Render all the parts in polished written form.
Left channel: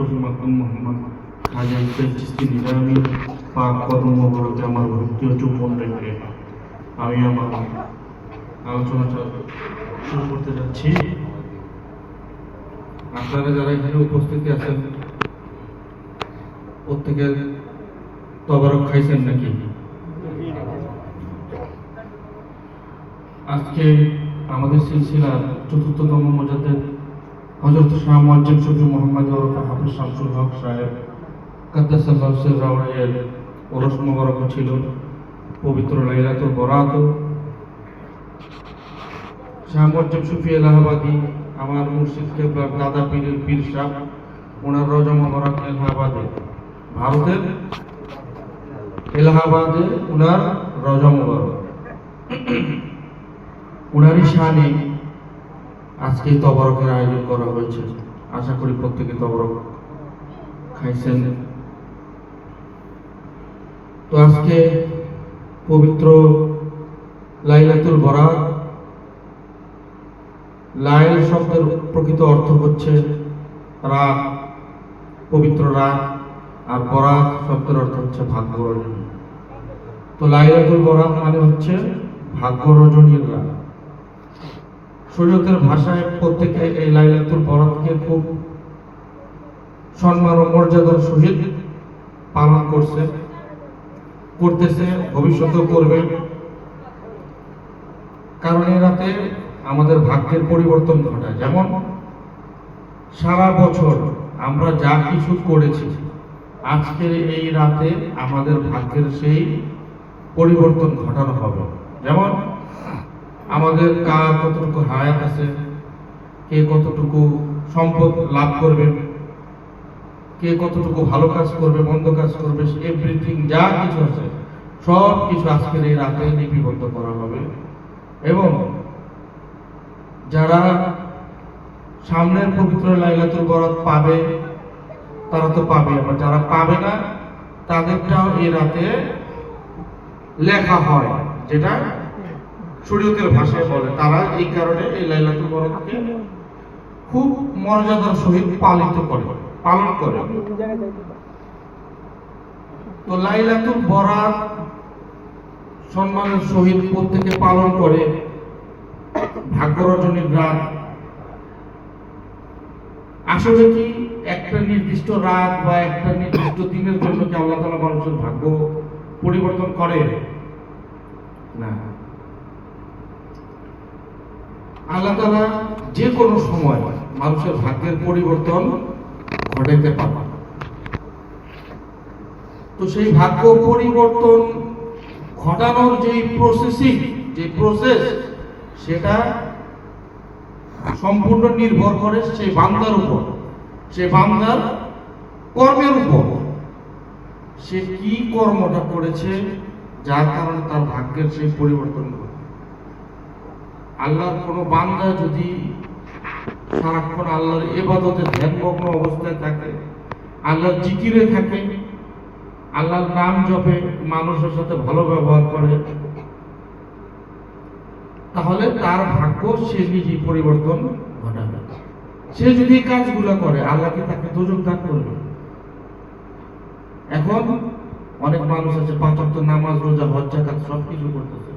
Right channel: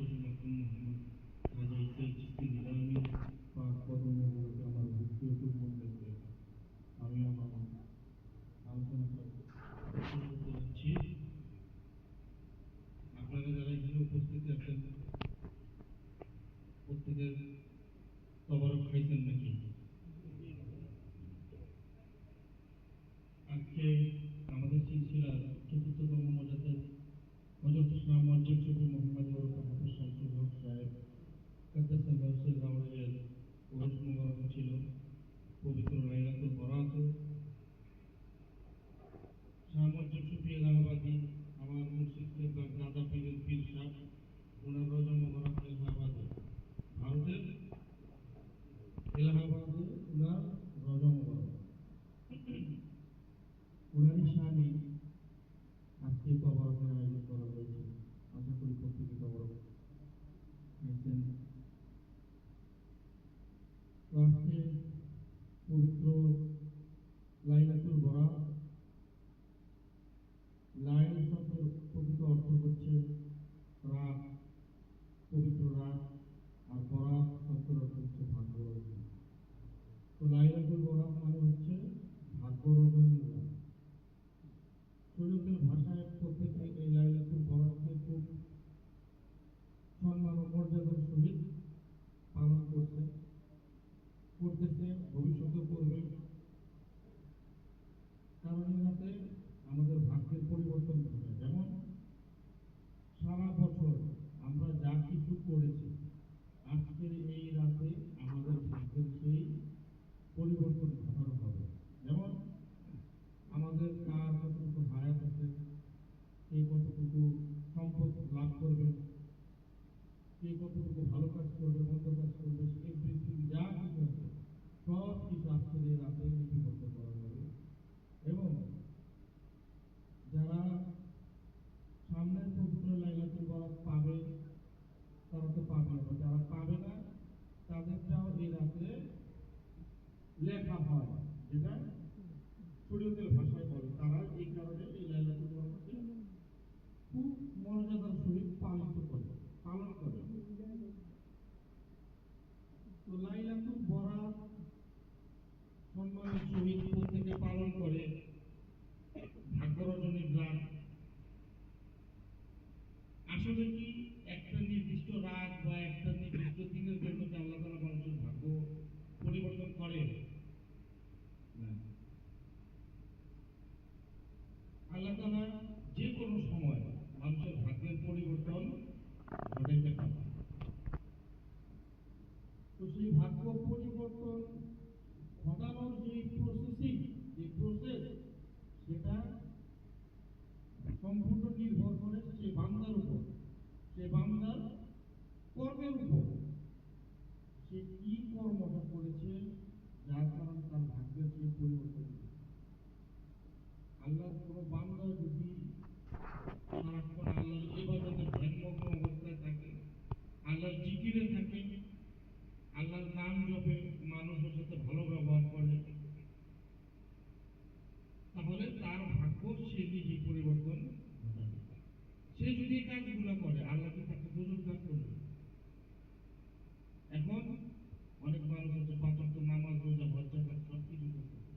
শফি মাকদুম মোহাম্মদ খাজা ইসরাইল চিশতি নিজামী পাক কদম মোবারকে আমার ভক্তি ও চুম্বন রেখে আমি আমার আলোচনাটা শুরু করতে যাচ্ছি। আপনারা যারা এখানে উপস্থিত আছেন প্রত্যেকের তবারক খাইছেন নাকি? আজকে আমাদের সিলসিলার চতুর্থতম মুজাদ্দিদ হযরত শাহ মুয়াজ্জম শফি মোহাম্মদ ওরফে হাফেজ শামসুল হক সাহেব কাদ্দাসাল্লাহু সিররাহু ওরস মোবারক ছিল পবিত্র লাইলাতুল বরাত। শাহ মুয়াজ্জম শফি এলাহাবাদী আমার মুর্শিদ কেবলার দাদা পীরের পীর সাহেব, ওনার রওজা মোবারক এলাহাবাদে, ভারতের এলাহাবাদে ওনার রওজা মোবারক। ওনারই শানে আজকে তবরকের আয়োজন করা হয়েছে। আশা করি প্রত্যেকে তবরক খাইছেন। তো আজকে পবিত্র লাইলাতুল বরাত। লাইল শব্দের প্রকৃত অর্থ হচ্ছে রাত, পবিত্র রাত, আর বরাত শব্দের অর্থ হচ্ছে ভাগ্য রজনী। তো লাইলাতুল বরাত মানে হচ্ছে ভাগ্য রজনীর রাত। শরীয়তের ভাষায় প্রত্যেকে এই লাইলাতুল বরাতকে খুব সম্মান ও মর্যাদার সহিত পালন করতেছে, ভবিষ্যতেও করবে। কারণ এই রাতে আমাদের ভাগ্যের পরিবর্তন ঘটায়। যেমন সারা বছর আমরা যা কিছু করেছি, আজকের এই রাতে আমাদের ভাগ্যের সেই পরিবর্তন ঘটানো হবে। যেমন আমাদের কার কতটুকু হায়াত আছে, কে কতটুকু সম্পদ লাভ করবে, কে কতটুকু ভালো কাজ করবে, মন্দ কাজ করবে, এভরিথিং যা কিছু আছে সব কিছু আজকের এই রাতে লিপিবদ্ধ করা হবে। এবং যারা সামনের পবিত্র লাইলাতুল বরাত পাবে তারা তো পাবে, আবার যারা পাবে না তাদেরটাও এই রাতে লেখা হয়, যেটা শরীয়তের ভাষায় বলে। তারা এই কারণে এই লাইলাতুল বরাতকে খুব মর্যাদার সহিত পালন করে। তো লাইলাতুল বরাত সম্মানের সহিত প্রত্যেকে পালন করে। ভাগ্য রজনীর রাত আসলে কি একটা নির্দিষ্ট রাত বা একটা নির্দিষ্ট দিনের জন্য কি আল্লাহ তাআলা মানুষের ভাগ্য পরিবর্তন করে? না, আল্লাহ তাআলা যে কোনো সময় মানুষের ভাগ্যের পরিবর্তন ঘটাইতে পারে। তো সেই ভাগ্য পরিবর্তন ঘটানোর যে প্রসেস সেটা সম্পূর্ণ নির্ভর করে সেই বান্দার উপর, সেই বান্দার কর্মের উপর। সে কি কর্মটা করেছে যার কারণে তার ভাগ্যের সেই পরিবর্তন ঘটে। আল্লাহর কোনো বান্দা যদি সারাক্ষণ আল্লাহর ইবাদতে ধ্যানমগ্ন অবস্থায় থাকে, আল্লাহর জিকিরে থাকে, আল্লাহর নাম জপে, মানুষের সাথে ভালো ব্যবহার করে, তাহলে তার ভাগ্য সে নিজেই পরিবর্তন ঘটাবে। সে যদি কাজগুলো করে আল্লাহ কি তাকে দোজখ দান করবে? এখন অনেক মানুষ আছে 5 ওয়াক্ত নামাজ, রোজা, হজ, যাকাত সব কিছু করতেছে,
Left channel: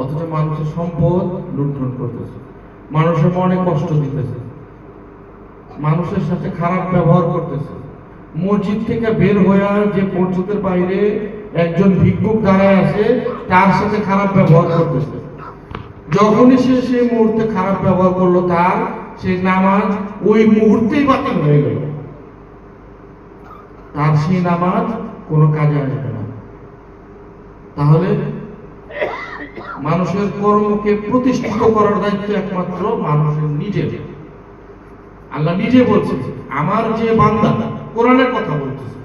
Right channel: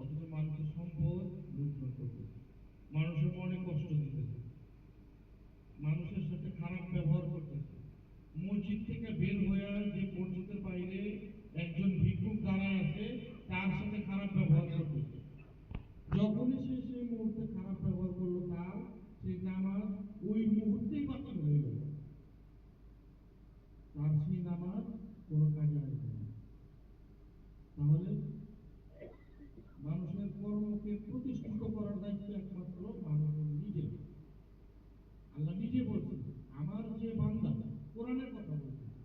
অথচ মানুষের সম্পদ লুণ্ঠন করতেছে, মানুষের মনে কষ্ট দিতেছে, মানুষের সাথে খারাপ ব্যবহার করতেছে। মসজিদ থেকে বের হয়ে যে মসজিদের বাইরে একজন ভিক্ষুক দাঁড়ায় আছে তার সাথে খারাপ ব্যবহার করতেছে। যখনই সে সেই মুহূর্তে খারাপ ব্যবহার করলো, তার সেই নামাজ ওই মুহূর্তেই বাতিল হয়ে গেল, তার সেই নামাজ কোনো কাজে আসবে না। তাহলে মানুষের কর্মকে প্রতিষ্ঠিত করার দায়িত্ব একমাত্র মানুষের নিজের। আল্লাহ নিজে বলছে, আমার যে বান্দা, কোরআনের কথা বলতেছে,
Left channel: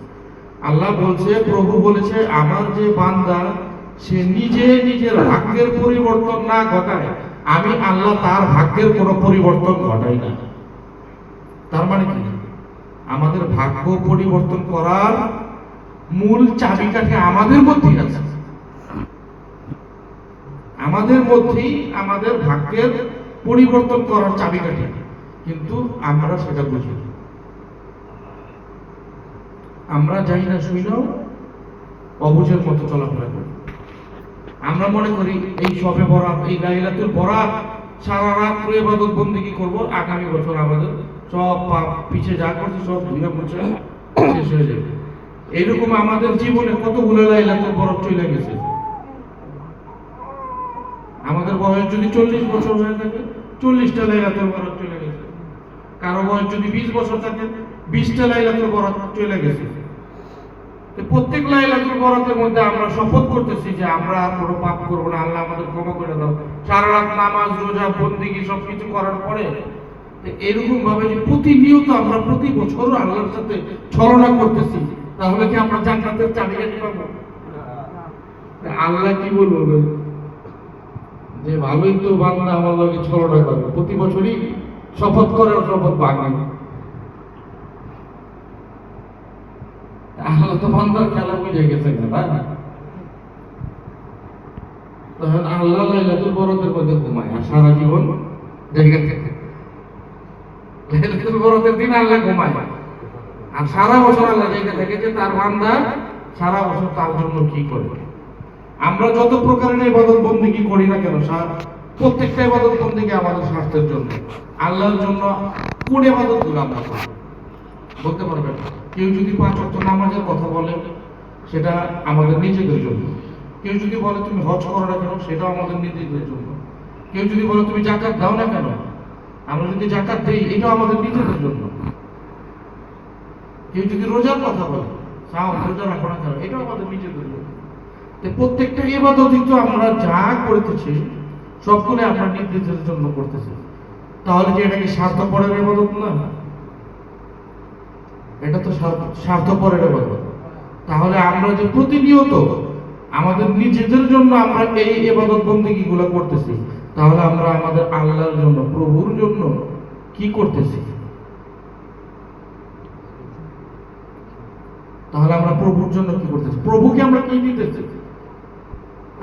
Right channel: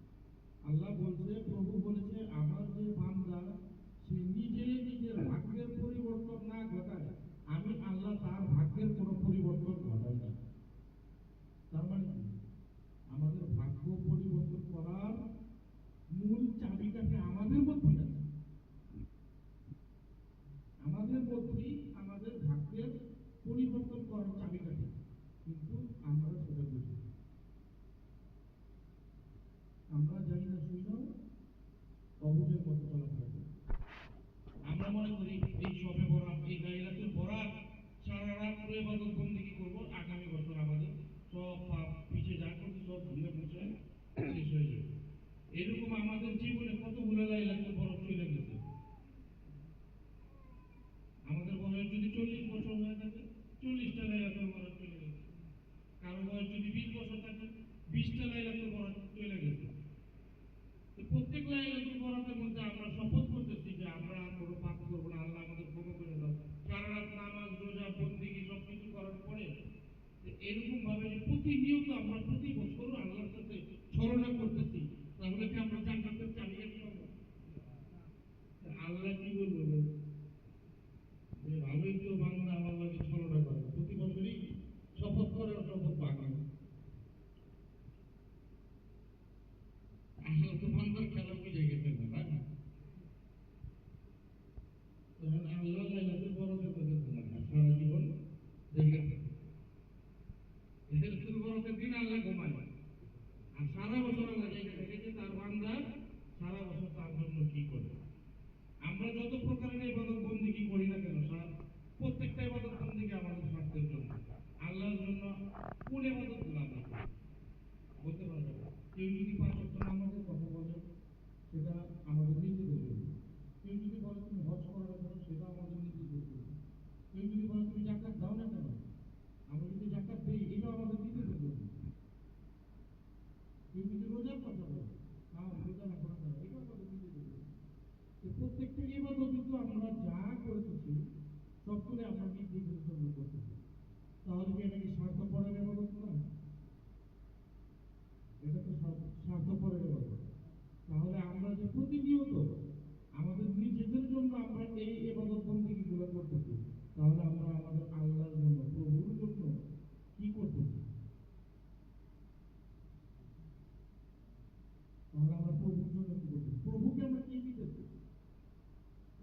আল্লাহ বলছে, প্রভু বলেছে, আমার যে বান্দা সে নিজে নিজের ভাগ্যের পরিবর্তন না ঘটায়, আমি আল্লাহ তার ভাগ্যের কোনো পরিবর্তন ঘটাই না। তার মানে কি? আমাদের ভাগ্য পরিবর্তন করার মূল চাবিকাঠি আমাদের মধ্যেই আছে। আমাদের মধ্যেই আমাদের ভাগ্যের পরিবর্তন করার চাবিকাঠি, কিন্তু আমরা সেটা বুঝি। আমরা যাই না শুইনাও অবুঝের মতো চলাফেরা করি। আমরা মনে করি এই সবে বরাত, এই লাইলাতুল বরাত সারা রাত্র ইবাদত বন্দেগী করব, আগামী বছর আমাদের সব পাপ পিছে যা করছি সব ধুয়ে মুছে শেষ হয়ে যাবে। এরকম আমাদের জীবনে কতগুলো লাইলাতুল বরাত চলে গেছে। আমাদের বয়স যদি 40 বছর হয়ে থাকে, 40টা লাইলাতুল বরাত চলে গেছে। কারো বয়স যদি 20 বছর থাকে, 20টা লাইলাতুল বরাত চলে গেছে। প্রত্যেক লাইলাতুল বরাতের মধ্যে আমরা শপথ করতেছি যে আমরা আর কোনো পাপ করবো না, আল্লাহ আমাদের ক্ষমা করে দাও। সারা রাত নামাজ রোজা বন্দেগী সবকিছু করার পরে এরকম ভাবে যে প্রতিনিয়ত আমরা প্রতি বছর আল্লাহর সাথে ছলনা করতেছি, তাহলে কি আমরা জান্নাতের চাবিকাঠি পাবো? আল্লাহ কি বলবো যে ভালোই তো বান্দা আমার লগে ছলনা করে, প্রতি বছরই শপথ করার শপথ ভাঙে। আল্লাহ তো বান্দার খেলা বুঝে গেছে না। তখন আল্লাহ লাইলাতুল বরাতের মধ্যে ঘুমায় আর সারা জীবন জেগে থাকে। লাইলাতুল বরাতের দিন আল্লাহ ঘুমায় আর সারা বছর আল্লাহ জেগে থাকে যে তার বান্দা সারা বছর তার জন্য কি করে। আমরা যত প্রকারের ইবাদত বন্দেগী করি না কেন, প্রত্যেকটা ইবাদত বন্দেগী আমাদের স্বার্থের জন্য, আল্লাহর জন্য। কোন ইবাদতগুলো আমরা করি বলতে পারবেন? কেউ যদি 5 ওয়াক্ত নামাজের কথা বলে সেটা আমাদের নিজেদের জন্য। কেউ যদি বলে তুমি হজ করো না কেন, সেটাও আমাদের নিজেদের জন্য। কেউ যদি বলে তুমি যাকাত দাও না কেন, আমরা যদি যাকাত দেই, এটাও আমাদের নিজেদের জন্য। কেউ যদি রোজার কথা বলে, রোজা রাখো না কেন, এটাও আমাদের নিজেদের জন্য। প্রত্যেকটা ইবাদতই তো আমরা যা করতেছি সবগুলো আমরা নিজেদের জন্য করতেছি। তাহলে কি এটা কি স্বার্থপরের ইবাদত না? এটা তো স্বার্থপরের ইবাদত। তাহলে আমরা যে প্রতিনিয়ত আমাদের নিজেদের জন্য আমরা এই ইবাদত বন্দেগী গুলো করতেছি, তাহলে আমরা আমাদের আল্লাহর জন্য, প্রভুর জন্য কি করতেছি? তাহলে আমরা প্রভুর জন্য কি করতেছি? প্রভুকে আমরা কি দিতেছি?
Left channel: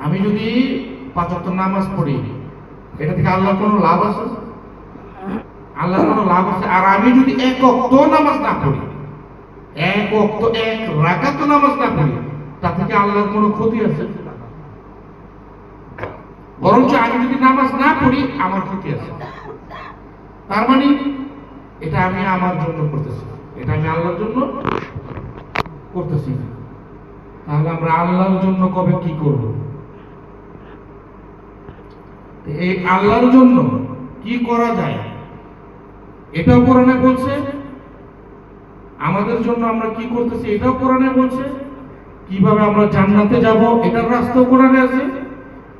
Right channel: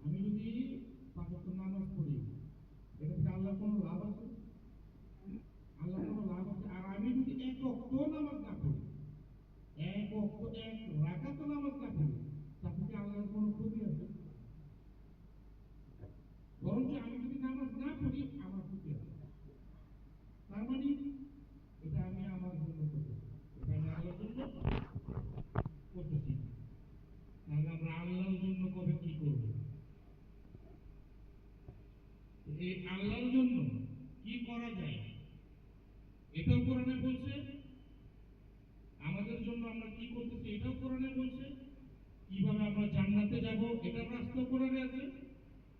আমি যদি 5 ওয়াক্ত নামাজ পড়ি, এটা থেকে আল্লাহর কোনো লাভ আছে? আল্লাহর কোনো লাভ আছে? আর আমি যদি 1 ওয়াক্ত নামাজ না পড়ি, 1 ওয়াক্ত 1 রাকাত নামাজ না পড়ি, তা থেকে আল্লাহর কোনো ক্ষতি আছে? বরঞ্চ আমি যদি নামাজ না পড়ি আমার ক্ষতি আছে। তার মানে এটা আমি আমার জন্য করতেছি, এটা আমি আল্লাহর জন্য করতেছি। তাহলে আমরা আল্লাহর জন্য কবে কি করব? এই আল্লাহর জন্য কি করা যায় এটাও কোরআনে বলছে। আমাদের জন্য আমরা কি করতেছি এটাও কোরআনে বলছে। কিভাবে আমরা জান্নাতে যাব এটার রাস্তাও কোরআনে আছে।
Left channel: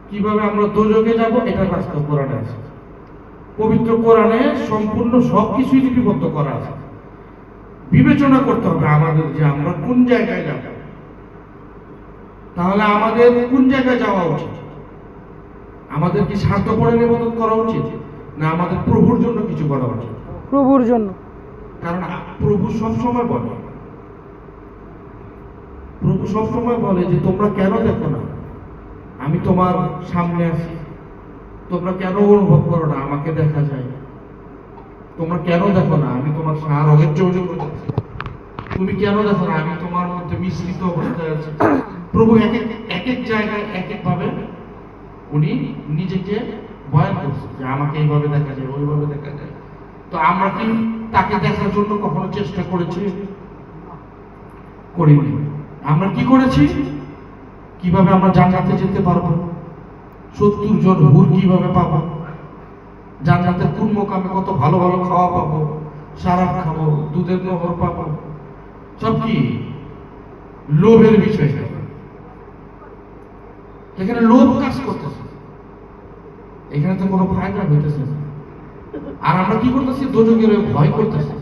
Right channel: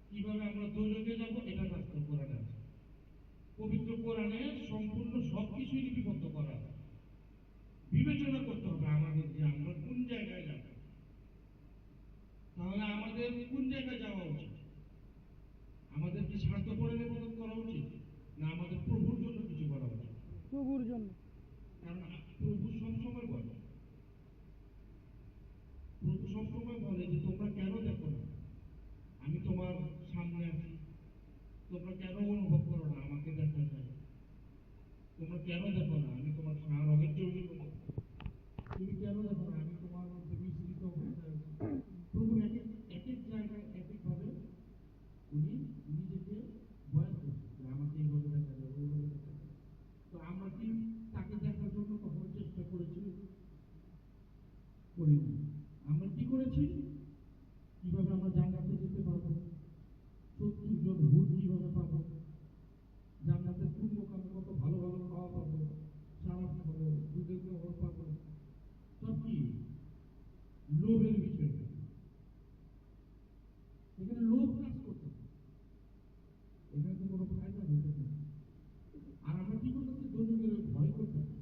কিভাবে আমরা দোজখে যাব এটার রাস্তাও কোরআনে আছে। পবিত্র কোরআনে সম্পূর্ণ সবকিছুই লিপিবদ্ধ করা আছে। বিবেচনা করতে হবে আমাদের যে আমরা কোন জায়গায় যাব। তাহলে আমাদের কোন জায়গায় যাওয়া উচিত? আমাদের কি স্বার্থপরের ইবাদত করা উচিত, না আমাদের প্রভুর জন্য কিছু করা উচিত? প্রভুর জন্য। কারণ প্রভু সবসময় বলে, প্রভু সবসময় বলে যে তোমরা কেন দেখো না আমি তোমার সামনে আছি? তোমরা কেন অনুভব করো না আমাকে দেখা যায়? তোমরা কেন দেখো না আমি তোমার সার অগের করতেছি? তুমি কেন দেখো না আমি তোমার মধ্যে মিশ্রিত অবস্থায় আছি? প্রভু এক এক জায়গায় এক এক ভাবে উনি নিজেকে বয়ান করছে যে আমাকে এইভাবে দেখা যায়, ওইভাবে দেখা যায়। তো আমরা কি তাকে দেখার জন্য কখনো চেষ্টা করেছি? করিনি। আমরা কি করেছি? কিভাবে আমরা জান্নাতে যেতে পারবো, 70 জন হুর কিভাবে পাবো, জান্নাতের কোন মোকামে কত ভালো ভালো খাওয়া পাবো, সারাপ খাবো, দুধের নহর পাবো, সব কি লোভের বিষয়। এখানে লোভ কাজ করতেছে, এখানে তো কোনো ফায়দা হইতেছে না। আর আমরা কি করতেছি? দোজখের ভয় করতেছি।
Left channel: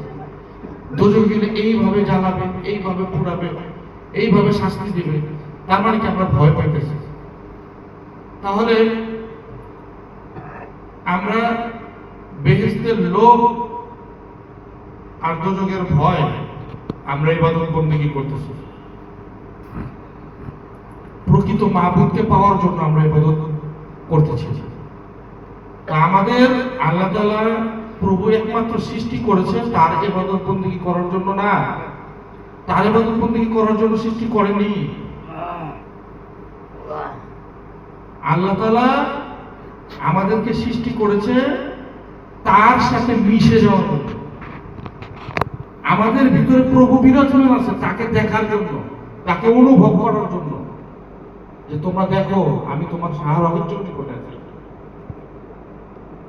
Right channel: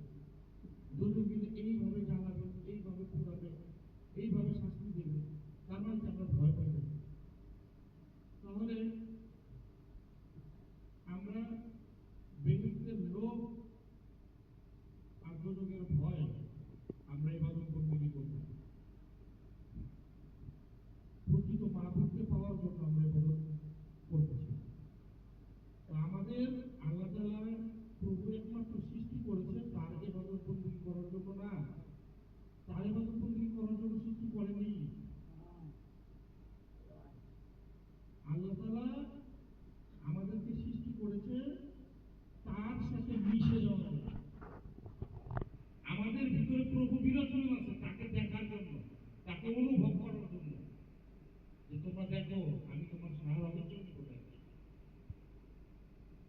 দোজখ গেলে এইভাবে জ্বালাবে, এইভাবে পুড়াবে, এইভাবে শাস্তি দিবে। তার মানে কি আমরা ভয় পাইতেছি? তাহলে আমরা বেহেশতের লোভ আর দোজখের ভয় আমরা ইবাদত বন্দেগী করতেছি। প্রকৃত মাহবুবকে পাওয়ার জন্য আমরা ইবাদত করতেছি। আমাদের আল্লাহ তাআলা প্রভু একমাত্র সৃষ্টি করেছেন তার ইবাদত বন্দেগী করার জন্য না, তার ইবাদত বন্দেগী করার জন্য সৃষ্টি করেনি। আল্লাহ তাআলা আমাদেরকে সৃষ্টি করেছে তার সাথে মিশে যাওয়ার জন্য। আমাদের ভিতরে প্রভু বিরাজমান আছে তাকে দেখার জন্য, তাকে অনুভব করার জন্য, যে তোমরা দেখো আমি তোমার সাহায্যের জন্য করে আছি।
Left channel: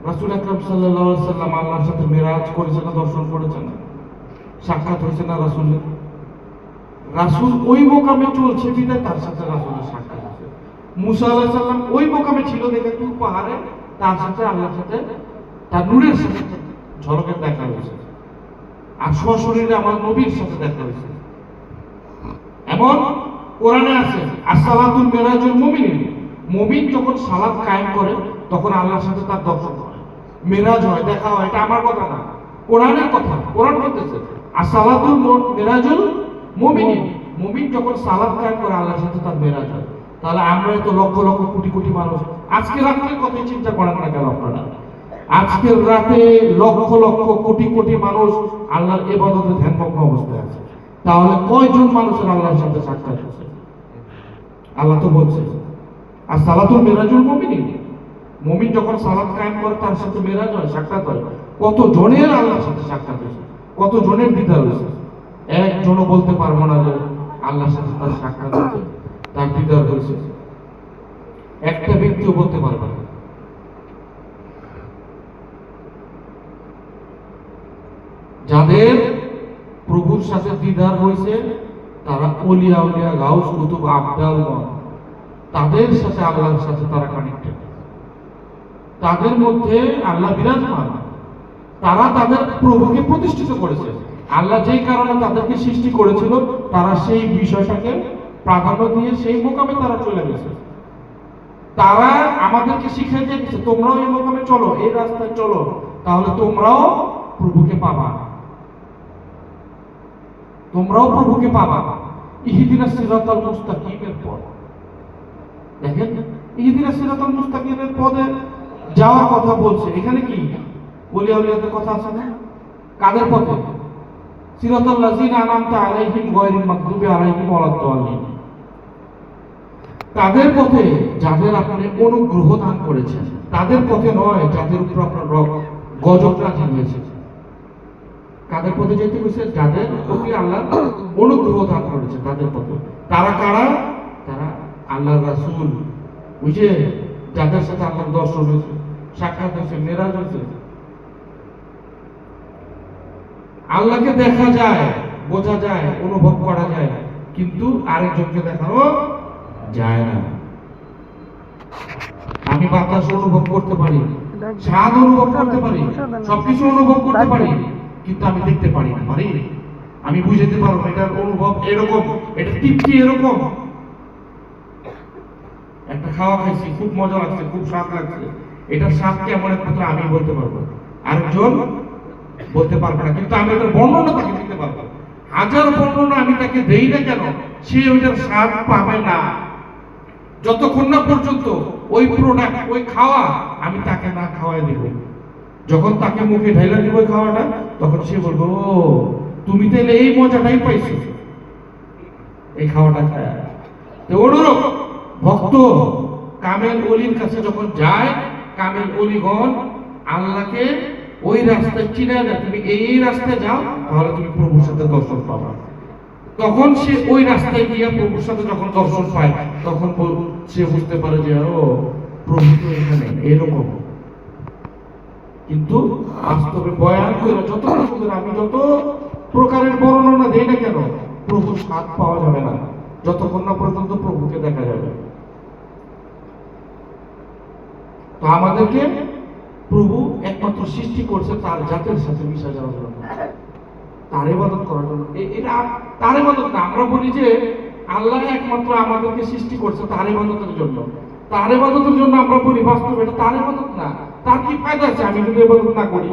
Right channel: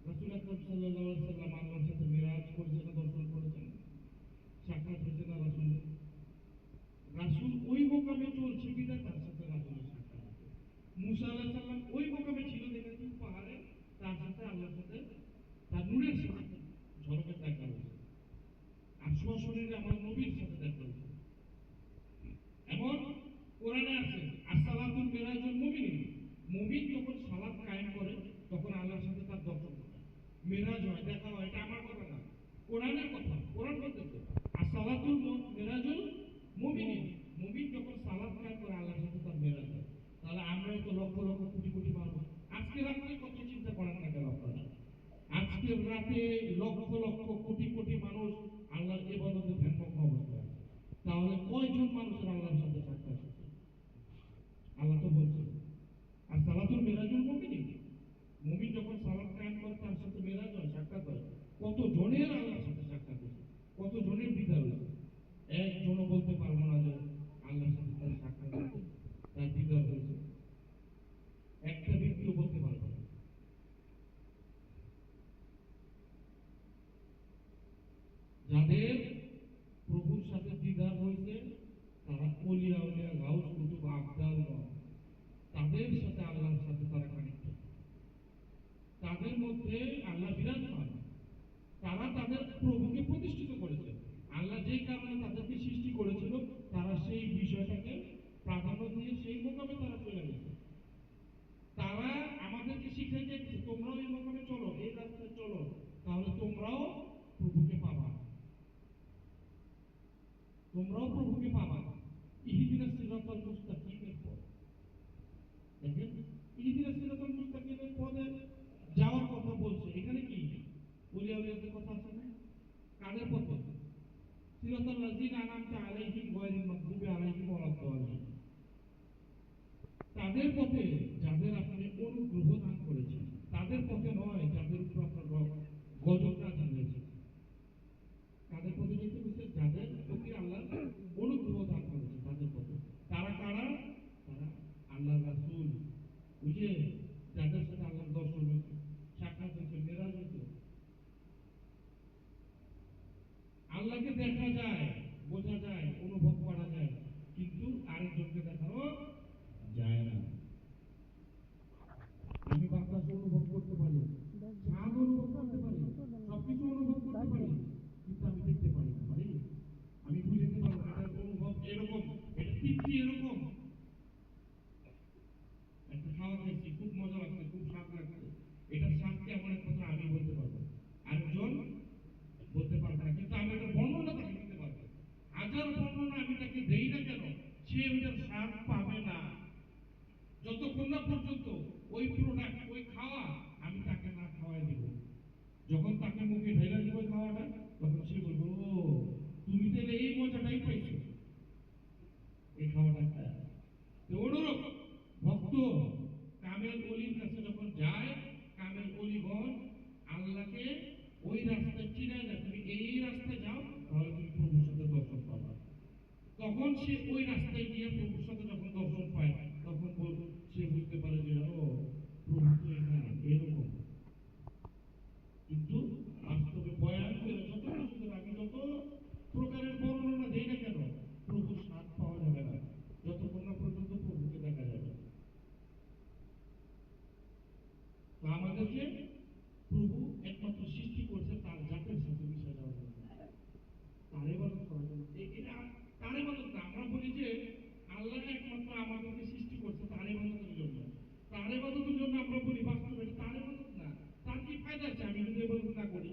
রাসূল আকরাম সাল্লাল্লাহু আলাইহি সাল্লাম আল্লাহর সাথে মেরাজ করেছেন না, দর্শন করেছেন না, সাক্ষাৎ হয়েছে না রাসূলের। রাসূল ওই মোকামে চলছে বিধায় তার সাথে রাসূলের সাক্ষাৎ হয়েছে। মুসা আলাইহিস সালাম ওই মোকামে ছিল দেখে তুর পাহাড়ে তার সাথে আল্লাহর সাথে তার নূরের সাথে ঝলকের দেখা হয়েছে। আর সশরীরে আমার নবীর সাথে দেখা হয়েছে। এমন কোরআনে আছে আসসালাতুল মিরাজুল মুমিনিন, মুমিন যখন সালাত কায়েম করে তখন আল্লাহর সাথে তার দর্শন হয়, মিরাজ হয়, দেখা হয়। এটা আমার কথা না, কোরআনের কথা। কোরআন বলতেছে আসসালাতুল মিরাজুল মুমিনিন, মুমিন যখন সালাত কায়েম করে আল্লাহর সাথে তার মিরাজ হয়। তাহলে আমরা তো লক্ষ লক্ষ কোটি কোটি মানুষ, আজকে রাতের কথাই চিন্তা করেন না কেন আপনারা? আজকের রাতে লক্ষ লক্ষ কোটি কোটি মানুষ আল্লাহর ইবাদতে ধ্যানমগ্ন অবস্থায় আছে। তাহলে কয়জন মানুষের আল্লাহর সাথে সাক্ষাৎ হচ্ছে? আল্লাহ তো বলছে আসসালাতুল মিরাজুল মুমিনিন, মুমিন যখন সালাত কায়েম করে তার সাথে মিরাজ হয়, সাক্ষাৎ হয়। কত জনের আল্লাহর সাথে সাক্ষাৎ হয়েছে, কত জনের দিদার হয়েছে? একজনও বলতে পারবো না যে আল্লাহর সাথে তার সাক্ষাৎ হয়েছে, তার দিদার হয়েছে। একটা ব্যক্তিও বলতে পারবে না। যাদের প্রভুর সাথে দিদার হয়েছে তারা ওলিয়া উলিয়া, গাউস, কুতুব, আবদালগণ, তাদের সাথে আল্লাহর সাথে তারা কানেক্টেড। তাদের মধ্যে আল্লাহ বিরাজমান। তারা তাদের প্রভুকে প্রতিষ্ঠিত করেছে। আল্লাহ যেই কারণে তাদেরকে সৃষ্টি করেছিল তারা সেই বিষয়টাকে প্রাধান্য দিয়ে সেই মোকামে তারা চলে গেছে। তারা আমাদেরকে শিখিয়ে দিয়েছে তোমরাও এই মোকামে চলো, এই রাস্তায় চলো, তাহলে তোমরাও প্রভুকে পাবা, তোমরাও প্রভুকে পাবা। ইহদিনাস সিরাতাল মুস্তাকিমের পথ দেখেন, ইহদিনাস সিরাতাল মুস্তাকিমের পথে যাওয়ার কথা বলছে। এখানে কি ওলিয়া উলিয়াদের কথা আছে না? কাদের পথে? সিরাতাল লাযিনা আনআমতা আলাইহিম গায়রিল মাগদুবি আলাইহিম ওয়ালাদ-দাল্লিন, তাদের পথে যাদের আপনি অনুগ্রহ দান করেছেন, তাদের পথে নয় যাদের উপর আপনার গজব নাযিল হয়েছে। কাদের পথে যেতে হয়েছে? যাদের প্রতি আল্লাহ অনুগ্রহ দান করেছে তাদের পথে। তারা কারা? তারা আল্লাহর রাসূল, ওই যে যাদের সাথে আল্লাহর দর্শন হয়েছে, সাক্ষাৎ হয়েছে, মেরাজ হয়েছে। আল্লাহকে দেখা যায়, বোঝা যায়, অনুভব করা যায়, কিন্তু আরেকজনকে দেখানো যায় না। আমি বাতাস অনুভব করতে পারি, স্বাদ অনুভব করতে পারি, সবকিছু অনুভব করতে পারি, কিন্তু আমি দেখতে পারি না। পারি? আমি বুঝাতে পারবো এটার অনুভব এরকম, এটা তৃপ্তি এরকম। একটা খাওয়া খাইছি, খুব মজা লাগছে, খুব স্বাদ লাগছে, এটার স্বাদ কেমন একমাত্র আমি বলতে পারবো, আরেকজন বলতে পারবে না। কিন্তু আমি এটার বর্ণনা তাকে দিতে পারবো। হাজার বর্ণনা আমি তাকে দেই না কেন, সে ওইটার স্বাদ পাবে না যতক্ষণ না পর্যন্ত ওই প্রোডাক্ট, ওই খাওয়া আমি তাকে না খাওয়াই দিব। যখন তাকে মুখে ঢাইলা দিব খাওয়াটা, তখন সে বলবো ও তুমি তাহলে এই মজাটাই পাইছো এই খাওয়াটা খায়। তো অনুরূপ ভক্ত কামেল ওলির কাছে যখন যায়, কামেল ওলিগণ আল্লাহকে ওই রাস্তায় চিনা দেয়, তুমি এই রাস্তায় যাও তাহলে তুমি প্রভুর সাথে দর্শন পাবা। তখন সে ওই রাস্তায় গিয়ে প্রভুর সাথে যখন দর্শন পায়, তখন সে বুঝতে পারে যে ও প্রভু তো এখানে এরকম। কিন্তু বাস্তবে বয়ান করে যত সুন্দর, আমি যত প্রকারের বর্ণনা দেই না কেন, প্রভুর স্বাদ পাওয়া যাবে না যতক্ষণ না পর্যন্ত প্রভুকে দেখা যাবে। তো আমাদেরকে প্রভু একমাত্র সৃষ্টি করছে তার জাতের সাথে মিশা যাওয়ার জন্য, তার ইবাদত করার জন্য। এটা তার ইবাদত না। আমরা বলি যে আল্লাহ একমাত্র আমাদেরকে সৃষ্টি করছে তার ইবাদতের জন্য, তার ইবাদতের জন্য আমরা বলি, বাস্তবে এটা তার ইবাদত না। তার কি ফায়দা আছে আমি যদি ইবাদত না করি?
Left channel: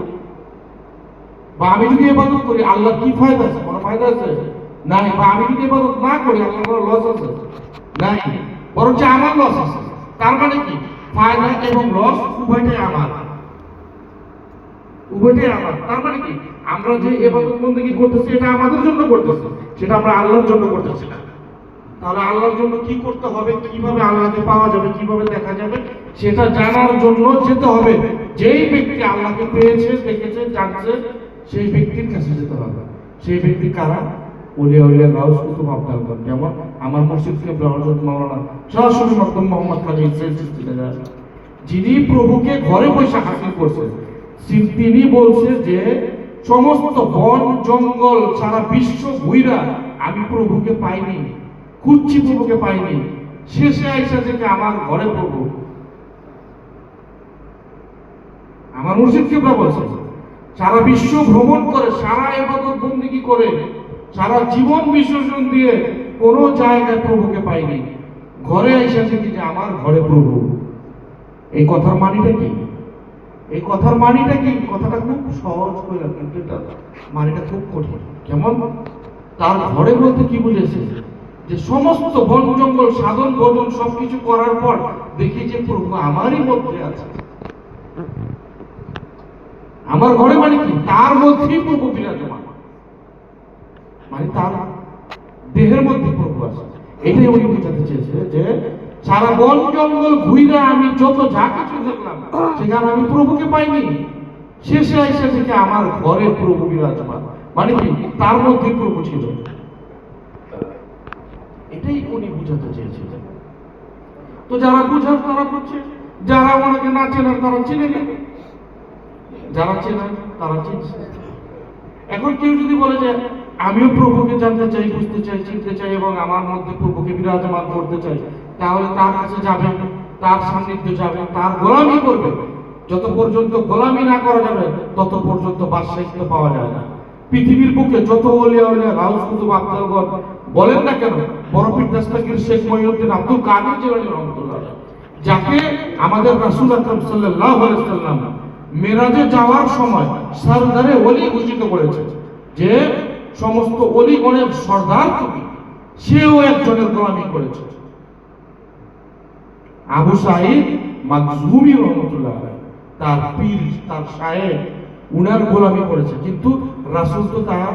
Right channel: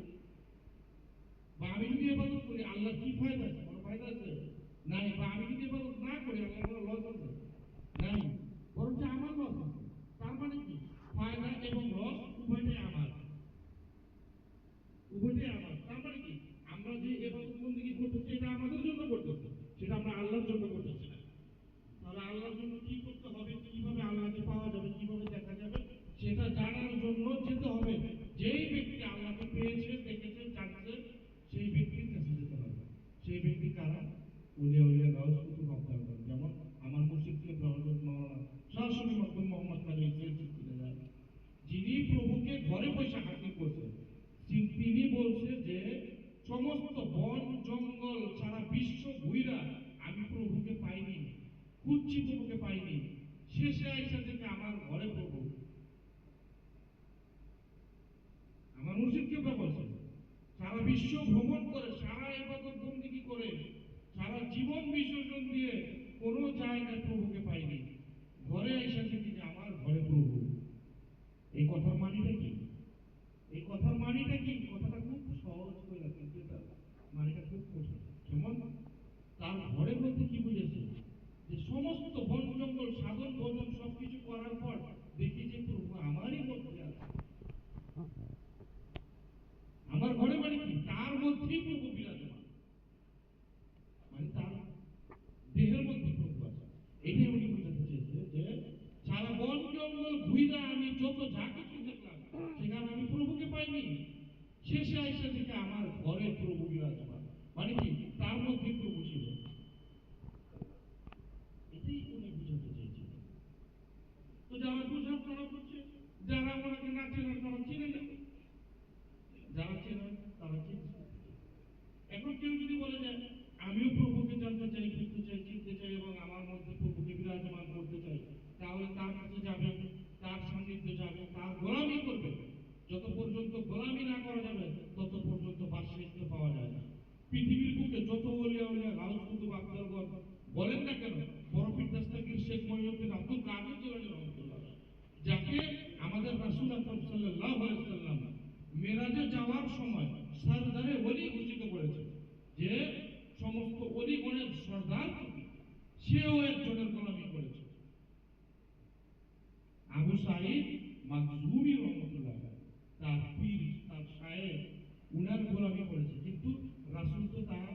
বা আমি যদি ইবাদত করি আল্লাহ কি ফায়দা আছে? কোনো ফায়দা আছে? নাই। বা আমি যদি ইবাদত না করি আল্লাহর কোনো লস আছে? নাই, বরঞ্চ আমার লস আছে। তার মানে কি? ফায়দা এবং লস উভয়টাই আমার। উভয়টাই আমার। তার মানে কি, আমরা যে ইবাদত বন্দেগী করতেছি এটা আমাদের জন্য করতেছি, সেটা আমরা আল্লাহর জন্য করতেছি না। তাহলে আল্লাহর জন্য কি করতে হবে, কিভাবে আল্লাহকে পাওয়া যাবে, কিভাবে দেখা যাবে, সেটা জানার জন্য যেতে হবে। যেই ব্যক্তি আল্লাহকে পেয়েছে, দেখেছে, জানছে, সেই ব্যক্তির কাছে যেতে হবে। সেই ব্যক্তি কারা? ওলিয়া উলিয়া গাউস কুতুব আব্দুল। যেমন আমার মসজিদকে হযরত মাওলানা সরাসরি মকদুম মোহাম্মদ খালিদ ইসরাইল চিশতি, যিনি প্রভুকে ঘরে বসে হাসিল করছেন। তিনি বলছে যে সমস্ত বন জঙ্গল সারা বিশ্ব ঘুইরা আমি প্রভুকে পাইনি, খুঁজছি প্রভুকে পাইনি, শেষে আইসা থেকে আমার ঘরে প্রভু। আমার মুর্শিদ কিবলা বলছে সারা বিশ্ব ভ্রমণ করে, সারা ইবাদত বন্দেগী করে, সারা জীবন বিসর্জন দিয়ে কোনো জায়গায় প্রভুকে পাইনি, ঘরে আইসা থেকে যে আমার ঘরে প্রভু। এই কথার মানিটা কি? এই কথার মানিটা কি? কথাটা খুব সহজ কইলাম, কিন্তু এটা মানিটা খুব কঠিন। কেমন? তার ঘরে বলতে কি বুঝেছে? যে সমস্ত বন জঙ্গল সাধন ভজন সবকিছু করার পর দেখি যে প্রভু আমারই মধ্যে আছে। আমার ঘরে মানে কি? তার মধ্যেই প্রভু বিরাজমান, মানে তার দেহের মধ্যে প্রভু আছে। এটাই উনি বোঝাতে চেয়েছে যে সারা বন জঙ্গল ঘুইরা আমি যত যা কিছু দেখলাম, সেখানে আমি প্রভুকে পাইনি, শেষে এসে থেকে আমার ঘরে প্রভু বিরাজমান, মানে কি তার মধ্যে প্রভু ছিল। এটাই উনি বুঝাতে চেয়েছিলেন। তো যারা বুঝার তারা বুঝছে, যারা ওনাকে না চেনার তারা চিনে নেবে, যারা চেনেন তারা চিনছে। এখন কেউ যদি বলে যে আমিও প্রভুকে জানতে চাই, বুঝতে চাই, চিনতে চাই এবং আমার মধ্যে প্রভুকে বিরাজমান করতে চাই, তাহলে তার কাছে যাবে, তার সান্নিধ্যে যাবে, তার গোলামি করবে। যত পর্যন্ত গোলামি না করা যাবে তত পর্যন্ত বাদশাহিত্ব পাওয়া যায় না। পৃথিবীর বুকে যত ওলিয়া উলিয়া গাউস কুতুব আব্দুল বলেন না কেন, বড় পীর দস্তগীর শেখ মহিউদ্দিন আব্দুল কাদের জিলানী রহমাতুল্লাহ, যাকে আমাদের রাসূল আকরাম সাল্লাল্লাহু আলাইহি ওয়াসাল্লাম মেরাজে যাওয়ার সময় সরদারে ওলি ঘোষিত করেছে, যে সমস্ত ওলিগণের সর্দার তুমি, সেও একজনের গোলামি করেছে। আবু সাঈদ মাখজুমি রহমাতুল্লাহ তার পীর, তার শায়েখ, উনার গোলামি করেছে, কিন্তু রাসূল তো তার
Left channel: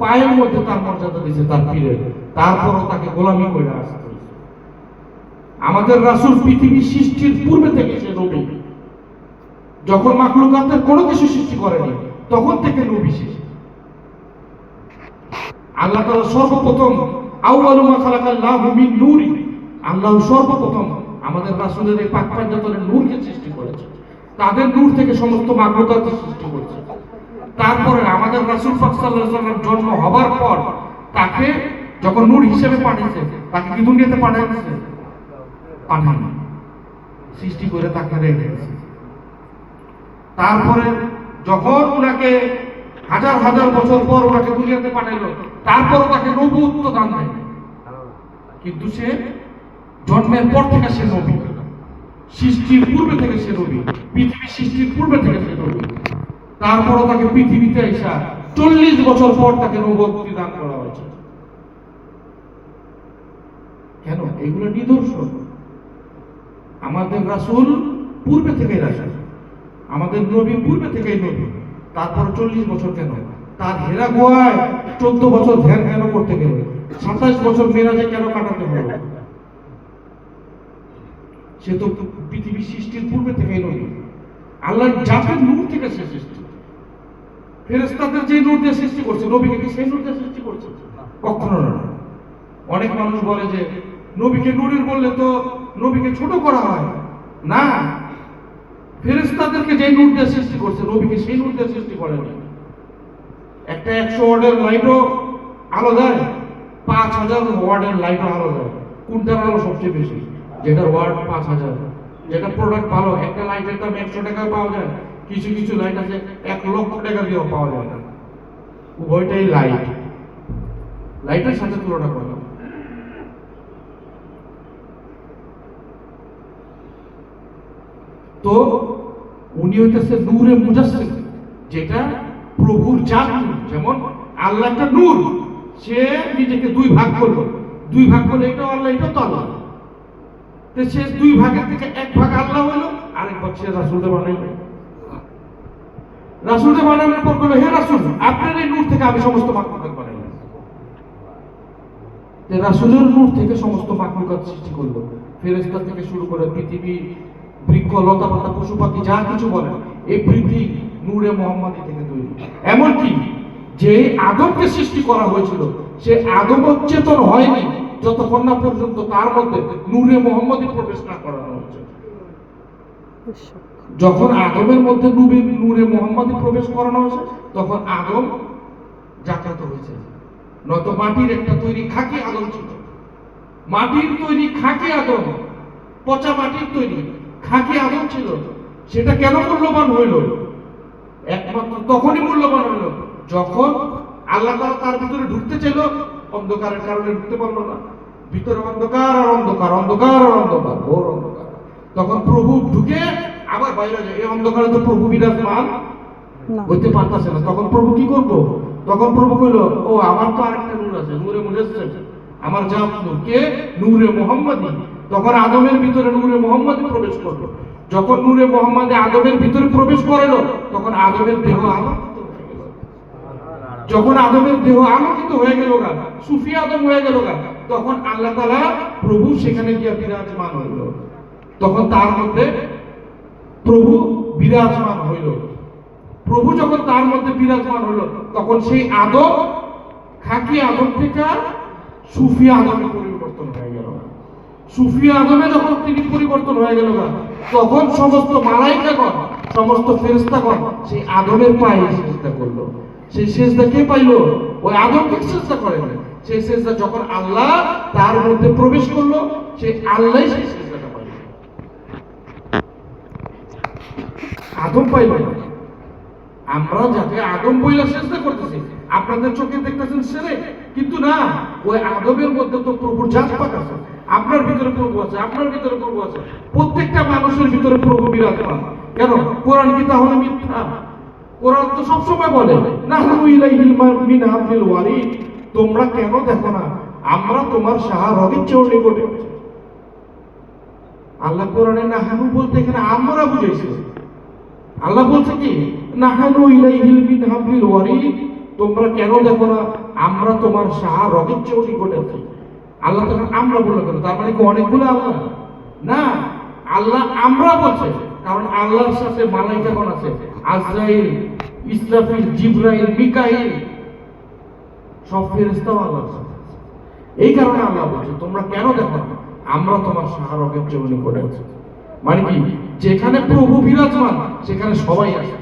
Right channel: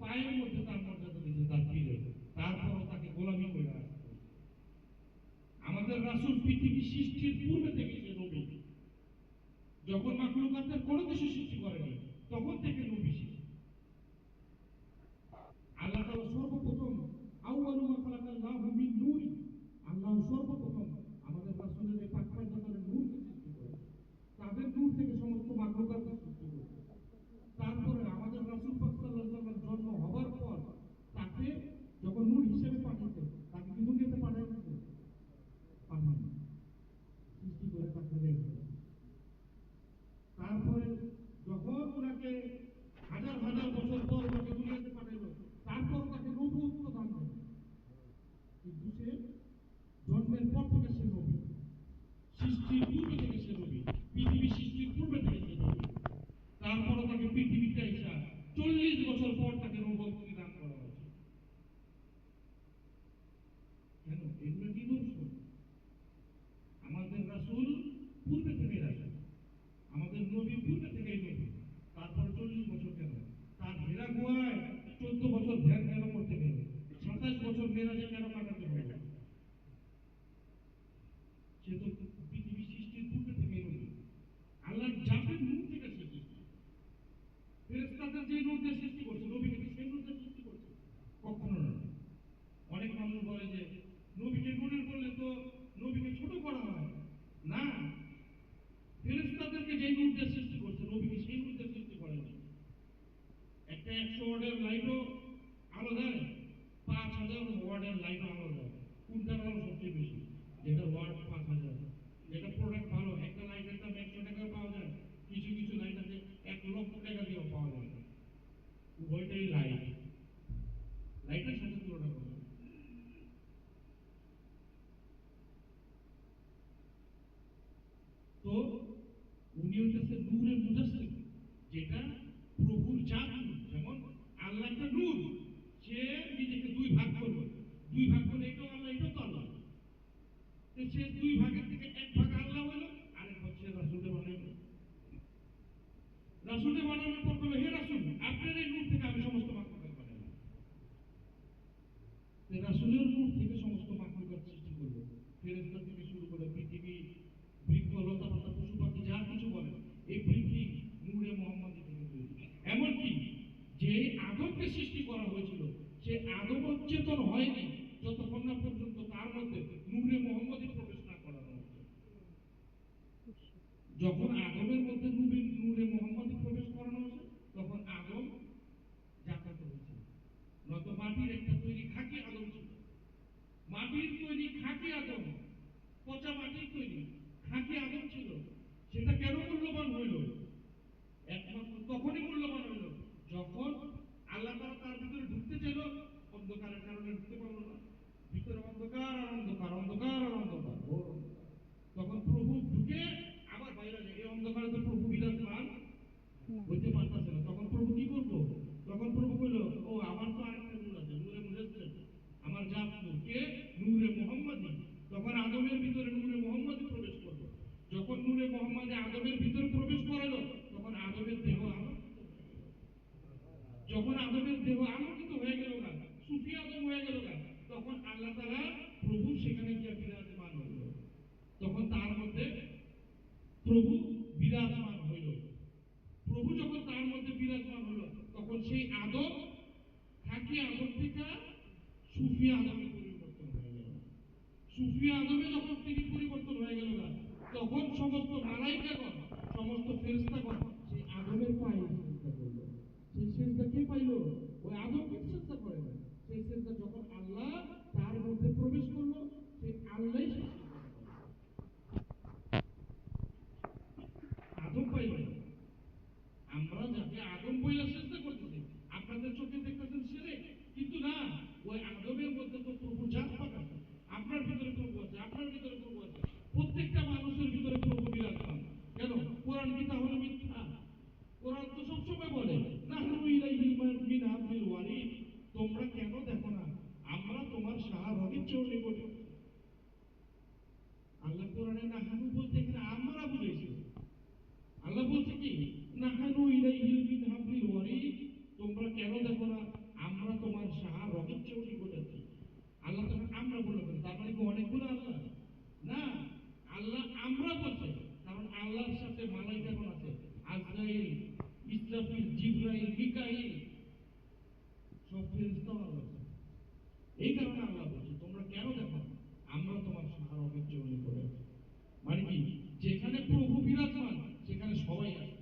পায়ের মধ্যে তার মর্যাদা দিয়েছে তার পীরের, তারপরও তাকে গোলামি করে আসতে। আমাদের রাসূল পৃথিবী সৃষ্টির পূর্বে থেকে সে নবী, যখন মাখলুকাতের কোনো কিছু সৃষ্টি করেনি তখন থেকে নবী সে। আল্লাহ তাআলা সর্বপ্রথম আউয়ালু মা খালাকাল্লাহু মিন নূরি, আল্লাহ সর্বপ্রথম আমাদের রাসূলের এই পাক পাঞ্জাতনের নূরকে সৃষ্টি করেছে, তাদের নূর থেকে সমস্ত মাখলুকাত সৃষ্টি করেছে। তারপরে আমাদের রাসূল পাক সাল্লাল্লাহু আলাইহি ওয়াসাল্লাম জন্ম হবার পর তাকে যখন নূর হিসেবে পাঠিয়েছে, তাকে কি দুনিয়াতে পাঠিয়েছে? পাঠানো, সৃষ্টি করে তাকে রেখে গেছে। তারপরে যখন ওনাকে হাজার হাজার বছর পর ওনাকে দুনিয়াতে পাঠাইলো, তারপরও তাকে নবুয়ত্ব দান দেয়, কিন্তু সে জন্মের পর থেকে সে নবী, সৃষ্টির পূর্বে থেকে সে নবী, পৃথিবী সৃষ্টির পূর্বে থেকে সে নবী। তারপরও তাকে পৃথিবীতে এসে 40 বছর পর তাকে নবুয়ত্ব দান করা হয়েছে। কেন? এগুলো নিদর্শন। আমাদের রাসূল পূর্বে থেকেই রাসূল, আমাদের নবী পূর্বে থেকেই নবী, তারপর 40 বছর কেন? তার হেরা গুহায় 14 বছর ধ্যান কেন করতে গেল? 27 বছর মেরাজে কেন কাটাতে হলো? সে তো পৃথিবী সৃষ্টির পূর্বে থেকেই নবী। আল্লাহর জাতের নূর থেকে সে সৃষ্টি। ফেরেশতাদের যে নূর দিয়ে সৃষ্টি করছে, নবীকে কি সেই নূর দিয়ে সৃষ্টি করছে? কখনো না। অনেক মানুষ বলে যে নবীকে নূরের বললে তো নবীকে ছোট করা হয় না। ফেরেশতাদেরকে যে নূর দিয়ে সৃষ্টি করছে, নবীকে সেই নূর দিয়ে সৃষ্টি করেনি। একটা 100 ওয়াটের লাইটও আলো দেয়, 5000 ওয়াটের লাইটও আলো দেয়। কোনটার আলো সবচেয়ে বেশি? যেটার ওয়াট 5000, যেটা প্রোডাক্ট ভালো। একটা লাইটের দাম 100 টাকায় পাওয়া যায়, কিছু কিছু লাইট আছে 1 লক্ষ টাকা দিয়েও পাওয়া যায় না। উভয়টাই লাইট, লাইটের সাথে তুলনা করলাম। তো উনি হইতেছে নূরে মুজাসসিম, যেটা প্রভুর জাত। যেমন আল্লাহ একটা নূর, সে নিজেকে দুই ভাগ করলো, দুই ভাগ করলে এটা আল্লাহ, এটা তো আল্লাহ। তো সে দুই ভাগের থেকে এক ভাগ আল্লাহ হলো, আরেক ভাগ সে রাসূলকে বানাইলো। রাসূলকে বানানোর পর বলল, হে রাসূল, আপনার এই নূর থেকে আমি সমস্ত মাখলুকাত বানাইলাম। রাসূলের নূর থেকে সমস্ত মাখলুকাত সৃষ্টি করলো, ফেরেশতা থেকে শুরু করে পৃথিবী, বৃক্ষ, লতা পাতা, পশু পাখি যা কিছু বলেন, এভরিথিং নূরে মুহাম্মাদি থেকে তৈরি। এমনকি যে আদমকে সৃষ্টি করা হয়েছিল, সে আদম চেতন হয়নি যতক্ষণ না পর্যন্ত তার মধ্যে নূরে মুহাম্মাদি প্রবেশ না করানো হচ্ছে। যখন আদমের মধ্যে নূরে মুহাম্মাদি প্রবেশ করানো হয়েছে, তখন আদম জাগ্রত হয়েছে। নয়তো মাটির একটা তৈরি খাকি আদম ছিল, মাটির তৈরি খাকি আদম, পচা মাটির তৈরি খাকি আদম ছিল। সেটা কেন মূল্যবান হইল? একমাত্র তখনই মূল্যবান হইল যখন আল্লাহ তাআলা তার ভিতরে ঢুকতে চাইল, অন্ধকারের কারণে ঢুকতে পারলো না। ভিতরে অন্ধকার আর অন্ধকার, অন্ধকার আর অন্ধকার, ঘোর অন্ধকার। তখন প্রভু ঢুকে আবার বাইরে যায়। এই অন্ধকারে তো প্রভু বিরাজমান হইতে পারতেছে না। তখন প্রভু কি করবো? তখন প্রভু কইল, ও আমার তো আরেকটা নূর আছে, নূরে মুজাসসাম, আমার জাত নূর, কে? নূরে মুহাম্মাদি। তখন আদমের ভিতরে নূরে মুহাম্মাদি প্রবেশ করলো। যখন নূরে মুহাম্মাদি আদমের ভিতরে প্রবেশ করলো, তখন আদমের দেহ আলোকিত হয়ে গেল। যখন আদমের দেহ আলোকিত হয়ে গেল, সুফি আদম হয়ে গেল, তখন আল্লাহ তাআলা প্রভু সেখানে গিয়ে বিরাজমান হইল। তখন তার মধ্যে প্রভু বিরাজমান হইল। প্রভু যখন তার মধ্যে বিরাজমান হলো, তখন সেই আদম খাকি আদম থেকে সুফি আদমে পরিবর্তন হয়ে গেল। সুফি আদমে যখন তিনি পরিবর্তন হয়ে গেল, তখন সমস্ত মালাইকাগণ, সমস্ত ফেরেশতাগণ সেই আদমের পায়ে সিজদা করলো। সেই সিজদা কে পাইলো? ওই আদমকে সিজদা করে না। সেই সিজদা যখন আল্লাহ তার মধ্যে প্রবেশ করলো, সেই আল্লাহই সেই সিজদাটা পাইল, আদম পাইল না। আমরা যাকে আদম বইলা সিজদা করতেছি, আপনাদের চোখে দেখতেছেন সেরে, কিন্তু না, ওই আদমের মধ্যে তো প্রভুর জাত পাক আছে। আপনার ভিতরে প্রভু আছে, আপনার ভিতরে প্রভু আছে, প্রত্যেকটা মানুষের ভিতরে প্রভু বিরাজমান। কেন? কোরআন কি তাহলে মিথ্যা? কোরআন তো সবসময় বলে, নাহনু ইলাইহিল মিন হাবলিল ওয়ারিদ, তোমরা কেন দেখো না আমরা তোমার সাহা রগের চেয়ে নিকটে। আল্লাহ কোরআনে নাহনু বলতে এখানে আমরা বুঝাইছে। আল্লাহ বলছে কি, নাহানু ইলাইহিল মিন হাবলিল ওয়ারিদ, তোমরা কেন দেখো না আমরা তোমার সাহা রগের চেয়ে নিকটে আছি। আল্লাহ তখন আমরা বলে কেন? তার মানে কি অনেকগুলো আল্লাহ? না, আল্লাহ আমরা বলছে কারণ আল্লাহর সাথে মালাইকাগণ আছে, আজরাইল, ইসরাফিল, জিবরাইল, মিকাইল, সব ফেরেশতাও আল্লাহর সাথে। এই কারণে আল্লাহ বলছে তোমরা কেন দেখো না আমরা তোমার সাহা রগের চেয়ে নিকটে আছি। মানে কি, যেখানে প্রভু বিরাজমান সেখানে সবাই আছে।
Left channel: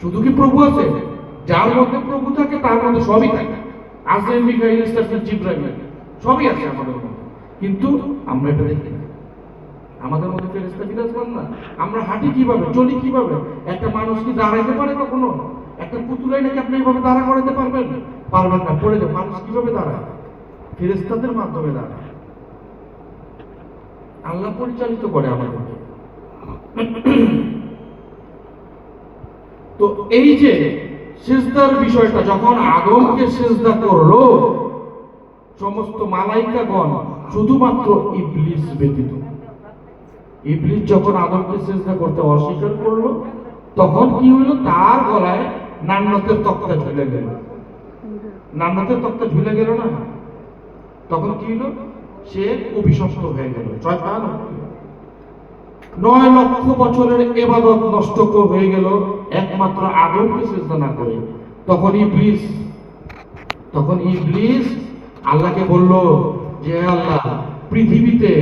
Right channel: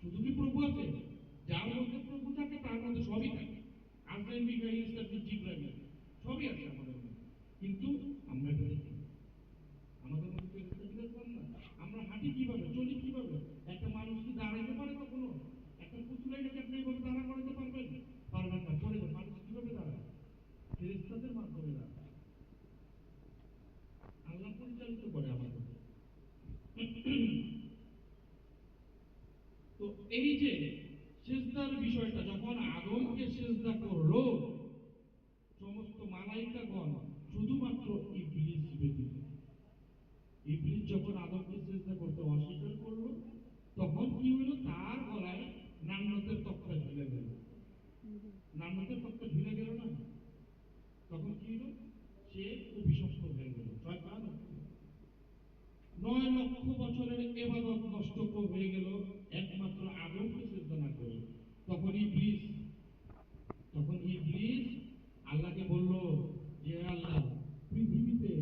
শুধু কি প্রভু আছে? যার মধ্যে প্রভু থাকে তার মধ্যে সবই থাকে। আজরাইল, মিকাইল, ইসরাফিল, জিবরাইল সবই আছে আমাদের মধ্যে, কিন্তু আমরা এটা দেখি না। আমাদের মধ্যে ফেরেশতা বিরাজমান না। আমরা হাঁটি কিভাবে, চলি কিভাবে? একটা মানুষ কি দাঁড়াইতে পারে কখনো? একটা পুতুলাই নাকি আপনি এইভাবে দাঁড়া করাতে পারবেন? পারবেন না, পড়ে যাবে। মানুষ কিভাবে দাঁড়ায়? ফেরেশতাদের মাধ্যমে দাঁড়ায়। আল্লাহ পরিচালিত করে আমাদেরকে। তো এই যে সিজদার বিষয়টা, যখন আদমকে সিজদা করলো সমস্ত মালাইকাগণ, শুধুমাত্র ইবলিস ব্যতীত। ইবলিস যখন আদমকে সিজদা করতে অস্বীকার করলো, তখন কি হলো? তার গলায় নান্নতের তক্তা ঝুলে গেল। নান্নতের তক্তা ঝুলে গেল না, তখন কি হলো? সে অভিশপ্ত হয়ে গেল, শয়তান। 9 লক্ষ বছরের ইবাদত নষ্ট হয়ে গেল একমাত্র আদমকে সিজদা না করে। তখন ইবলিস আল্লাহকে বলল যে আল্লাহ, পৃথিবীতে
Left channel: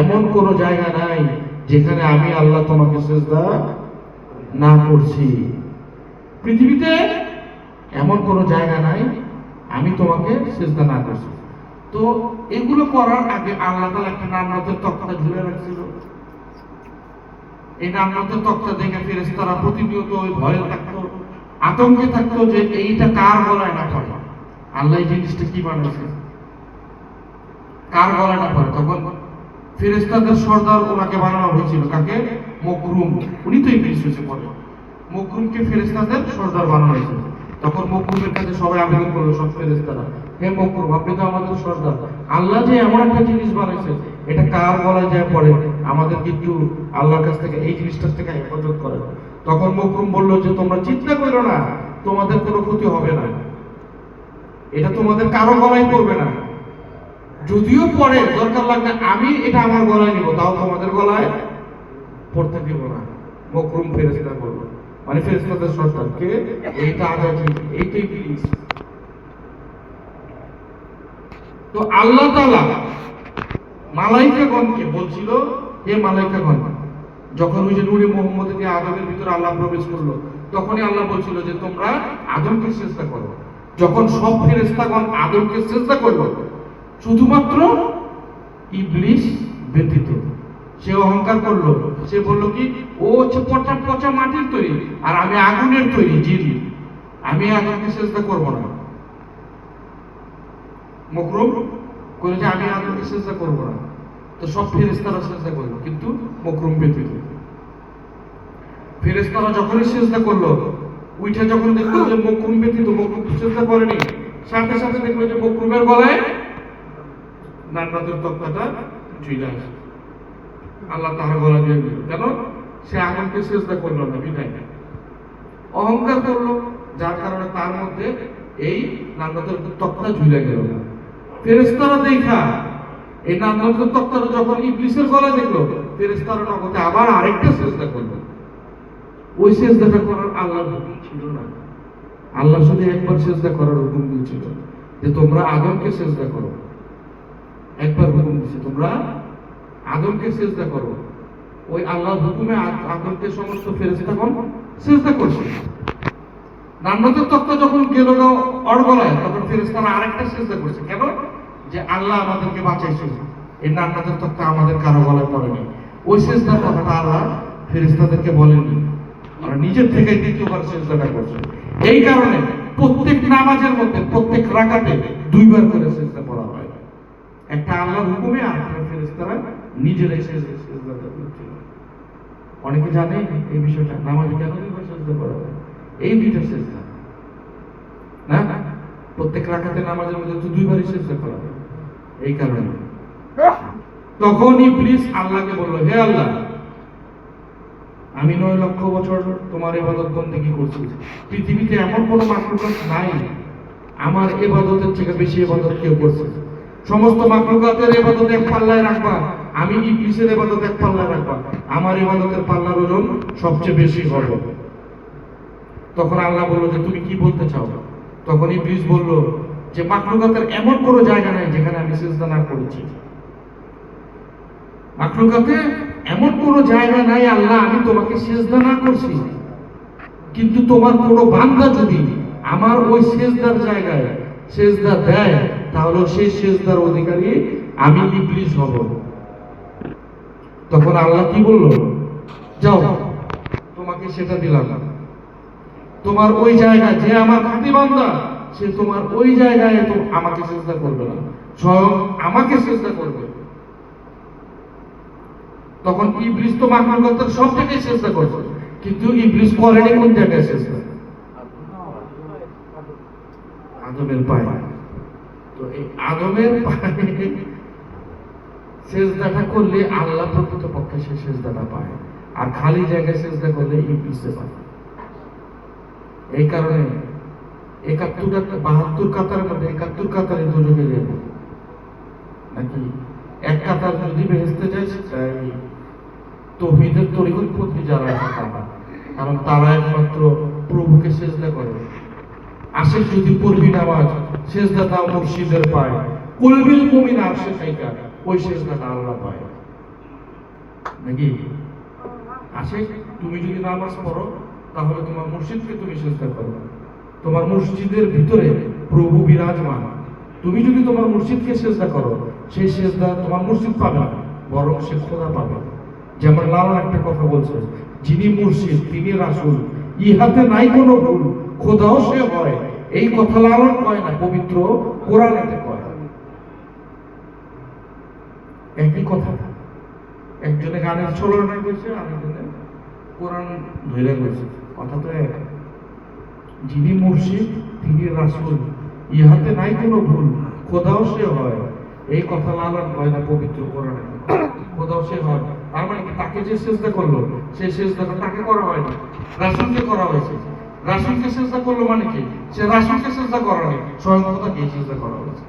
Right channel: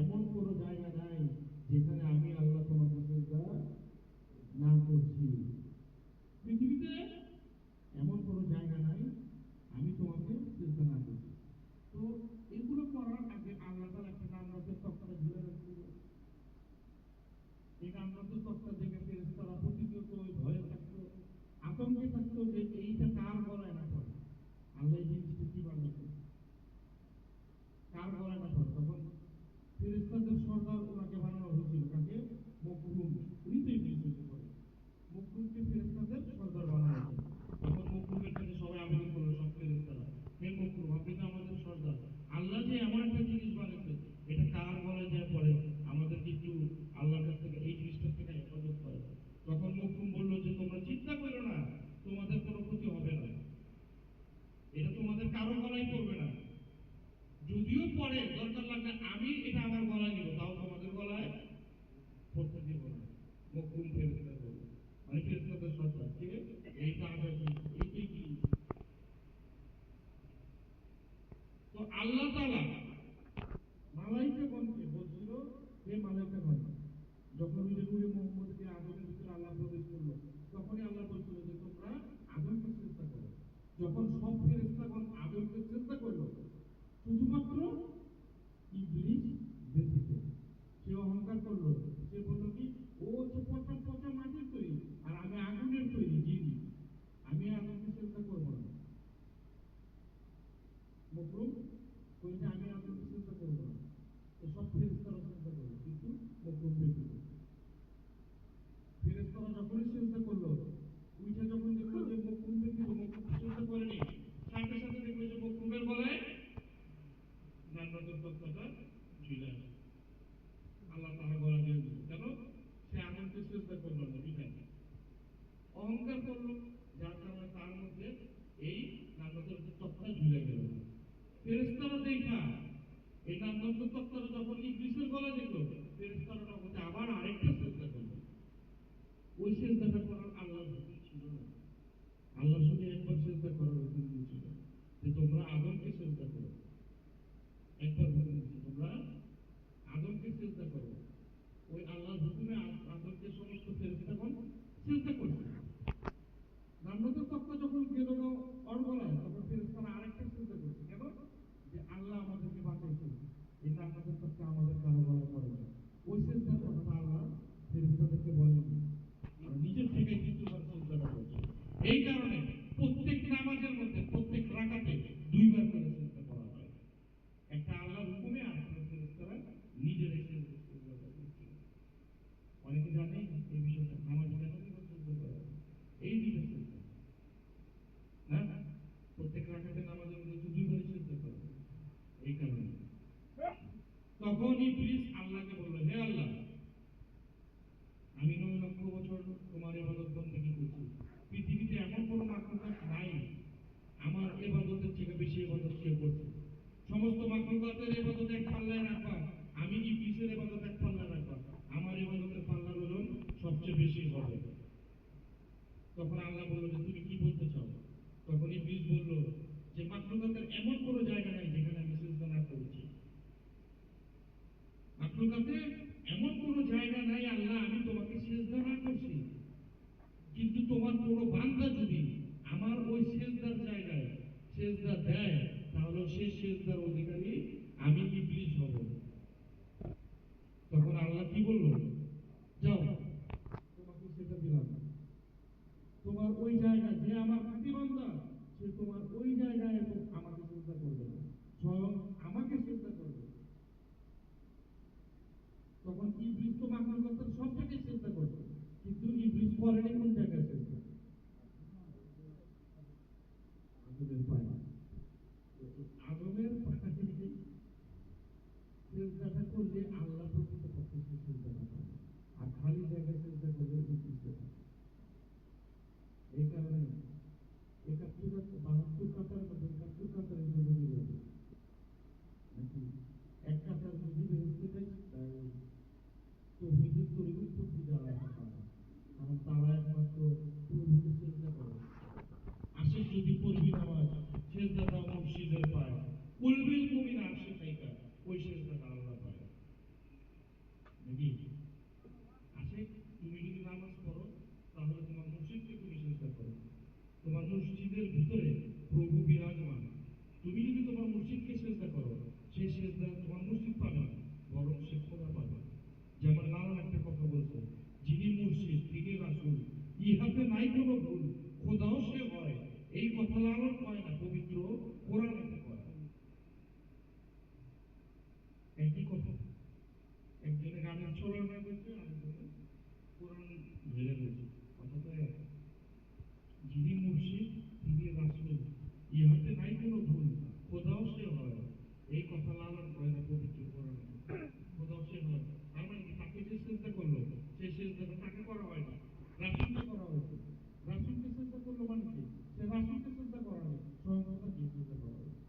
এমন কোন জায়গা নাই যেখানে আমি আল্লাহ তোমাকে সিজদা না করছি। পৃথিবীতে এমন কোন জায়গা নাই আমি তোমাকে সিজদা না করছি। তো এগুলো করার আগে আল্লাহ তাআলা একটা নান্নতের তক্তা ঝুলে রাখছিল। এই নান্নতের তক্তা দেখে ফেরেশতারা প্রতিনিয়ত ওই ভয়ে থাকতো, আতঙ্কে থাকতো যে এইটা কার গলায় না পড়ে। আল্লাহ এই জিনিসটা কি বানাইছে, কার গলায় না পড়ে। তখন ফেরেশতাদের সর্দার ওনাকে বানানো হয়েছিল, কাকে? মকরুম। উনি তো ইবলিস হয়েছে পরে। মকরুমকে ফেরেশতাদের সর্দার বানানো হয়েছিল। তখন মকরুমের কাছে সবাই আবেদন করলো, সব ফেরেশতারা, হে মকরুম, আপনি তো আমাদের সর্দার, আল্লাহ যে এমন একটা জিনিস বানাইছে এটা কার গলায় যায় পড়ে, আমাদেরকে একটু আল্লাহর কাছ থেকে এই জিনিসটার থেকে হেফাজত করে। তখন মকরুম বলল যে তোমরা চিন্তা করো না, তোমাদের কোনো ক্ষতি হবে না, এটা তোমাদের কারো গলায় পড়বে না, যদিও পরে দরকার লাগলে আমি এটা আমার গলায় নিব, তাও তোমাদের গলায় পড়তে দিব না। মকরুম ফেরেশতা বলল, মানে ফেরেশতাদের সর্দার কে? এইটা আজাজি, এইটাই ইবলিস। তো আল্লাহ তাআলা মালাইকাগণকে বলছিল, হে মালাইকাগণ, যখন ওই যে নূরে মুহাম্মদকে আদমের ভিতরে আল্লাহ প্রবেশ করলো, তখনই আল্লাহ বলছিল যে তোমরা আদমকে সিজদা করো। যখন সব ফেরেশতাগণ আদমকে সিজদা করলো, শুধুমাত্র ইবলিস ব্যতীত, সে অহংকার করলো, সে বলল কি, ও হচ্ছে পচা পচা মাটির তৈরি আর আমি আগুনের তৈরি জিন, আমি আদমকে সিজদা করব না। মকরুম করে যে আমি আদমকে সিজদা করব না, তো সব ফেরেশতারা সিজদা করলো, কিন্তু মকরুম ব্যতীত। ফেরেশতারা যখনই সিজদা করলো, উঠে যখন দেখলো যে মকরুম ব্যতীত, মকরুম সিজদা করেনি, সাথে সাথে দেখলো যে মকরুমের গলায় জান্নাতের তক্তাটা ঝুলে আসে। আল্লাহ তার গলা দিয়ে দিল, কেন? সে আদমকে সিজদা করলো না, বিদায় অহংকার করলো, যার কারণে তার মধ্যে এই জান্নাতের তক্তা ঝুলে গেল। ফেরেশতারা দেখা এই জান্নাতের তক্তাটা যখন ইবলিসের গলায় দেখলো, ফেরেশতারা নগদে আবার আরেকটা সিজদা করলো। ওই সিজদাটা করার আল্লাহর হুকুম ছিল না, আল্লাহ শুধু একবার সিজদা করার হুকুম দিয়েছিল যে তোমরা আদমকে সিজদা করো। একবার হুকুম দিয়েছে, তোমরা আদমকে সিজদা করো। ওই আল্লাহর হুকুমে আদমকে সমস্ত ফেরেশতাগণ সিজদা করছে। জান্নাতের তক্তা যখন গেল অড়গলায়, তখন ফেরেশতারা আরেকটা সিজদা করছে। কেন? যে আল্লাহ আমাদেরকে বাঁচাইছে, এই জান্নাতের তক্তা আমাদের কারো গলায় পড়েনি। ওই সিজদার কথাটা আল্লাহ ফেরেশতাদেরকে বলেননি, ওরা নিজের থেকে দ্বিতীয়বার সিজদাটা করছে। এই কারণে প্রত্যেক নামাজের মধ্যে প্রত্যেক রাকাতে দুইবার করে সিজদা করা হয়, একটা আল্লাহর হুকুমে আর একটা ফেরেশতারা নিজেরাই সিজদাটা করছে। অনেকে জানে এই বিষয়টা, নামাজে কেন দুইবার সিজদা করা হয়? এই দুইটা সিজদা না, প্রত্যেক রাকাতে নামাজের মধ্যে তো দুইবারই সিজদা করা হয়, এই কারণে। তখন ইবলিস আল্লাহকে বলল, হে আল্লাহ, আমি 9 লক্ষ বছর তোমার ইবাদত বন্দেগী করছি, পৃথিবীতে এমন কোনো মাখলুকাত নাই আমার ইবাদতের থেকে বেশি ইবাদত কেউ করছে। সমস্ত মাখলুকাতের ইবাদত এক পাল্লায় রাখবা, আমি ইবলিসের ইবাদত এক পাল্লায় রাখবা, আমার ইবাদতের পাল্লার ওজন সবচেয়ে বেশি হবে। তখন আল্লাহ বলল যে তুমি কি বলতে চাও? তখন ইবলিস বলল যে মাখলুকাতের এমন কোনো জায়গা নাই যেখানে আমি সিজদা না করেছি। মাখলুকাতে এমন কোনো জায়গা নাই আল্লাহ আমি তোমাকে সিজদা না করছি, কিন্তু তোমার কোনো বান্দা যদি আমার ওই সিজদার জায়গায় সিজদা দেয়, তাহলে সেই সিজদার অধিকারী আমি ইবলিস হব। তখন আল্লাহ কি বলল, যাও তোমাকে সেটা দিলাম, তোমার ওই জায়গায় যে আমার খাঁটি বান্দা, সে তোমার ওই জায়গায় তো আমাকে সিজদা করবে না, স্বয়ং আমাকে সিজদা করবে। তখন ইবলিস তো মাখলুকাতের সব জায়গায় সিজদা করছে, কিন্তু ইবলিস করেনি কোন জায়গায় সিজদা? আদমের পায়ে। তো এই আদমের পায়ে সিজদাটা করলে আল্লাহ প্রকৃতপক্ষে সে সিজদাটা পায়, আর খালি জায়গায় সিজদা করলে ইবলিসে পায়। এই কারণে 72 কাতারের মধ্যে 71 কাতারে দুজনে যাবে নাকি? এক কাতার যদি বেহেশতে যায়, সেটাই তৌহিদের তরিকতপন্থী যারা আছে তারা, কারণ তারা একমাত্র প্রভুকে সিজদা করে। আশেক যদি পড়বি নামাজ, সিজদা দাও মুর্শিদের পায়, কুলবিল মুমিন আরশে খাইকা, ওই সিজদাটা আল্লাহ পায় নাকি? আশেক তুমি যদি নামাজ পড়ো, তাহলে তোমার মুর্শিদকে তুমি সিজদা করো, তোমার মসজিদের ভিতরে প্রভু বিরাজমান। তুমি যদি তোমার মুর্শিদকে সিজদা করো, সেই সিজদা তোমার মুর্শিদ পাবে না, বরং সে খোদা পাবে। যেমন লালা একটা কথা বলছে, যিনি মুর্শিদ তিনি রাসূল, ইহাতে নাই কোনো ভুল, খোদাও সে হয়। এই কথা লালন কয় না, পবিত্র কোরআনেতে কয়। একই কথা, একজনে গানের ছলনা করেছে, আরেকজনে কোরআন ধরে গেছে, কথা তো এক। যিনি মুর্শিদ তিনি রাসূল, ইহাতে নাই কোনো ভুল, খোদাও সে হয়। এই কথা লালন হয় না পবিত্র কোরআনে, কোথাও সে হয়। তার মানে কি তাকে যে সেজদা করলো সেই সেজদাটা তাকে করা হয়নি, রাসূলকে করা হয়েছে। রাসূলকে সেজদা করলো মানে কি সে রাসূলকে সেজদা করা হয়নি, স্বয়ং খোদাকে সেজদা করা হয়েছে।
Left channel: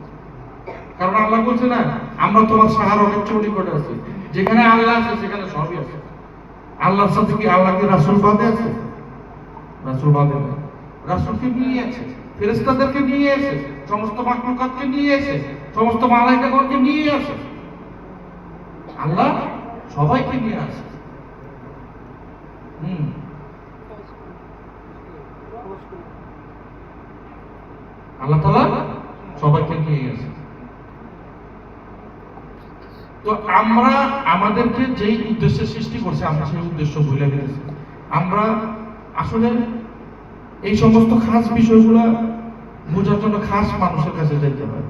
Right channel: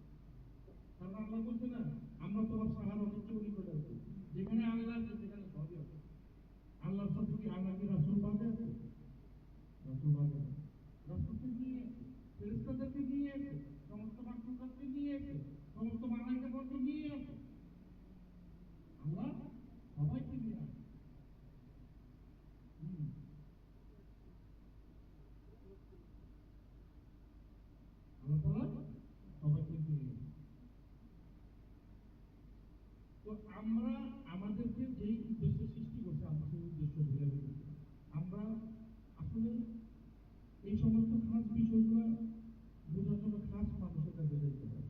কারণ আল্লাহ বলছে না আমরা তোমার সাহার অনেক নিকটে আছি, যেখানে আল্লাহ আছে সেখানে সবই আছে। আল্লাহর সাথে কি আল্লাহকে রাসূল বাদে আছে? রাসূল বাদে না, রাসূলকে নিয়ে আছে, ফেরেশতাদেরকে নিয়ে আছে, সমস্ত মাখলুকাতকে নিয়ে আছে, সমস্ত মালায়েকাগণকে নিয়ে আছে। আল্লাহ সবাইকে নিয়ে আসে। আল্লাহ তাআলা সবাইকে নিয়ে আসে। তো আমরা আমাদেরকে যেই উদ্দেশ্যে সৃষ্টি করছে আমরা সেই উদ্দেশ্য ভুলে গেছি। আমরা আসলে এই সমস্ত খাস বিষয়গুলো বোঝার জন্য খাস মানুষের কাছে যাইতে হয়।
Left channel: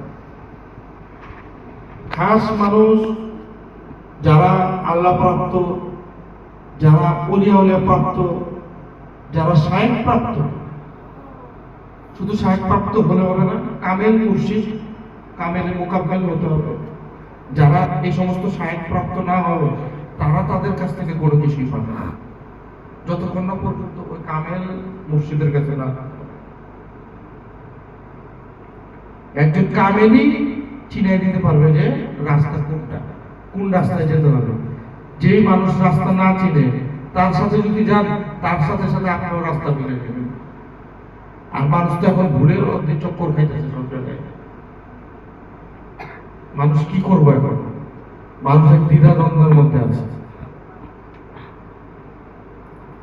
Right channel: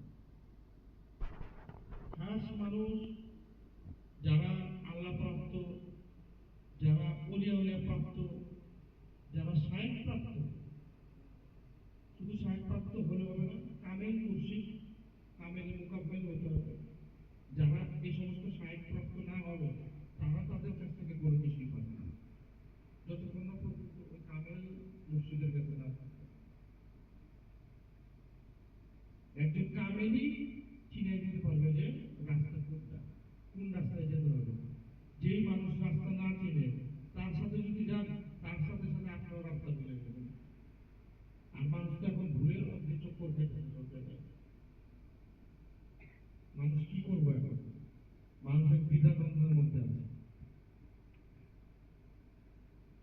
খাস মানুষ যারা আল্লাহ প্রাপ্ত, যারা ওলিয়া উলিয়া প্রাপ্ত, যারা শায়েখ প্রাপ্ত, শুধু শায়েখ প্রাপ্ত হলে হবে না, কামেল মুর্শিদ কামেল মোকাব্বেল হতে হবে। যারা এই সমস্ত শায়েখ প্রাপ্ত না হবে তারা তাদের কাছ থেকে কোনো কিছুই পাবে না, যতক্ষণ না পর্যন্ত ওই কামেল মুর্শিদের কাছে না। একজন কামেলই চিনিয়ে দিতে পারবে যে রাস্তা কোনটা, কোন রাস্তায় যেতে হবে। যেই মানুষ রাস্তা না চিনে তার সাথে যদি যান তার সাথে সাথে আপনিও রাস্তা ভুলে যাবেন। আর মানুষ তো এখন ভুলের মধ্যে চক্কর খাইতেছে সব জায়গায়। মানুষ কি করবো এখন? মানুষ এক দ্বিধাদ্বন্দ্বের মধ্যে আছে।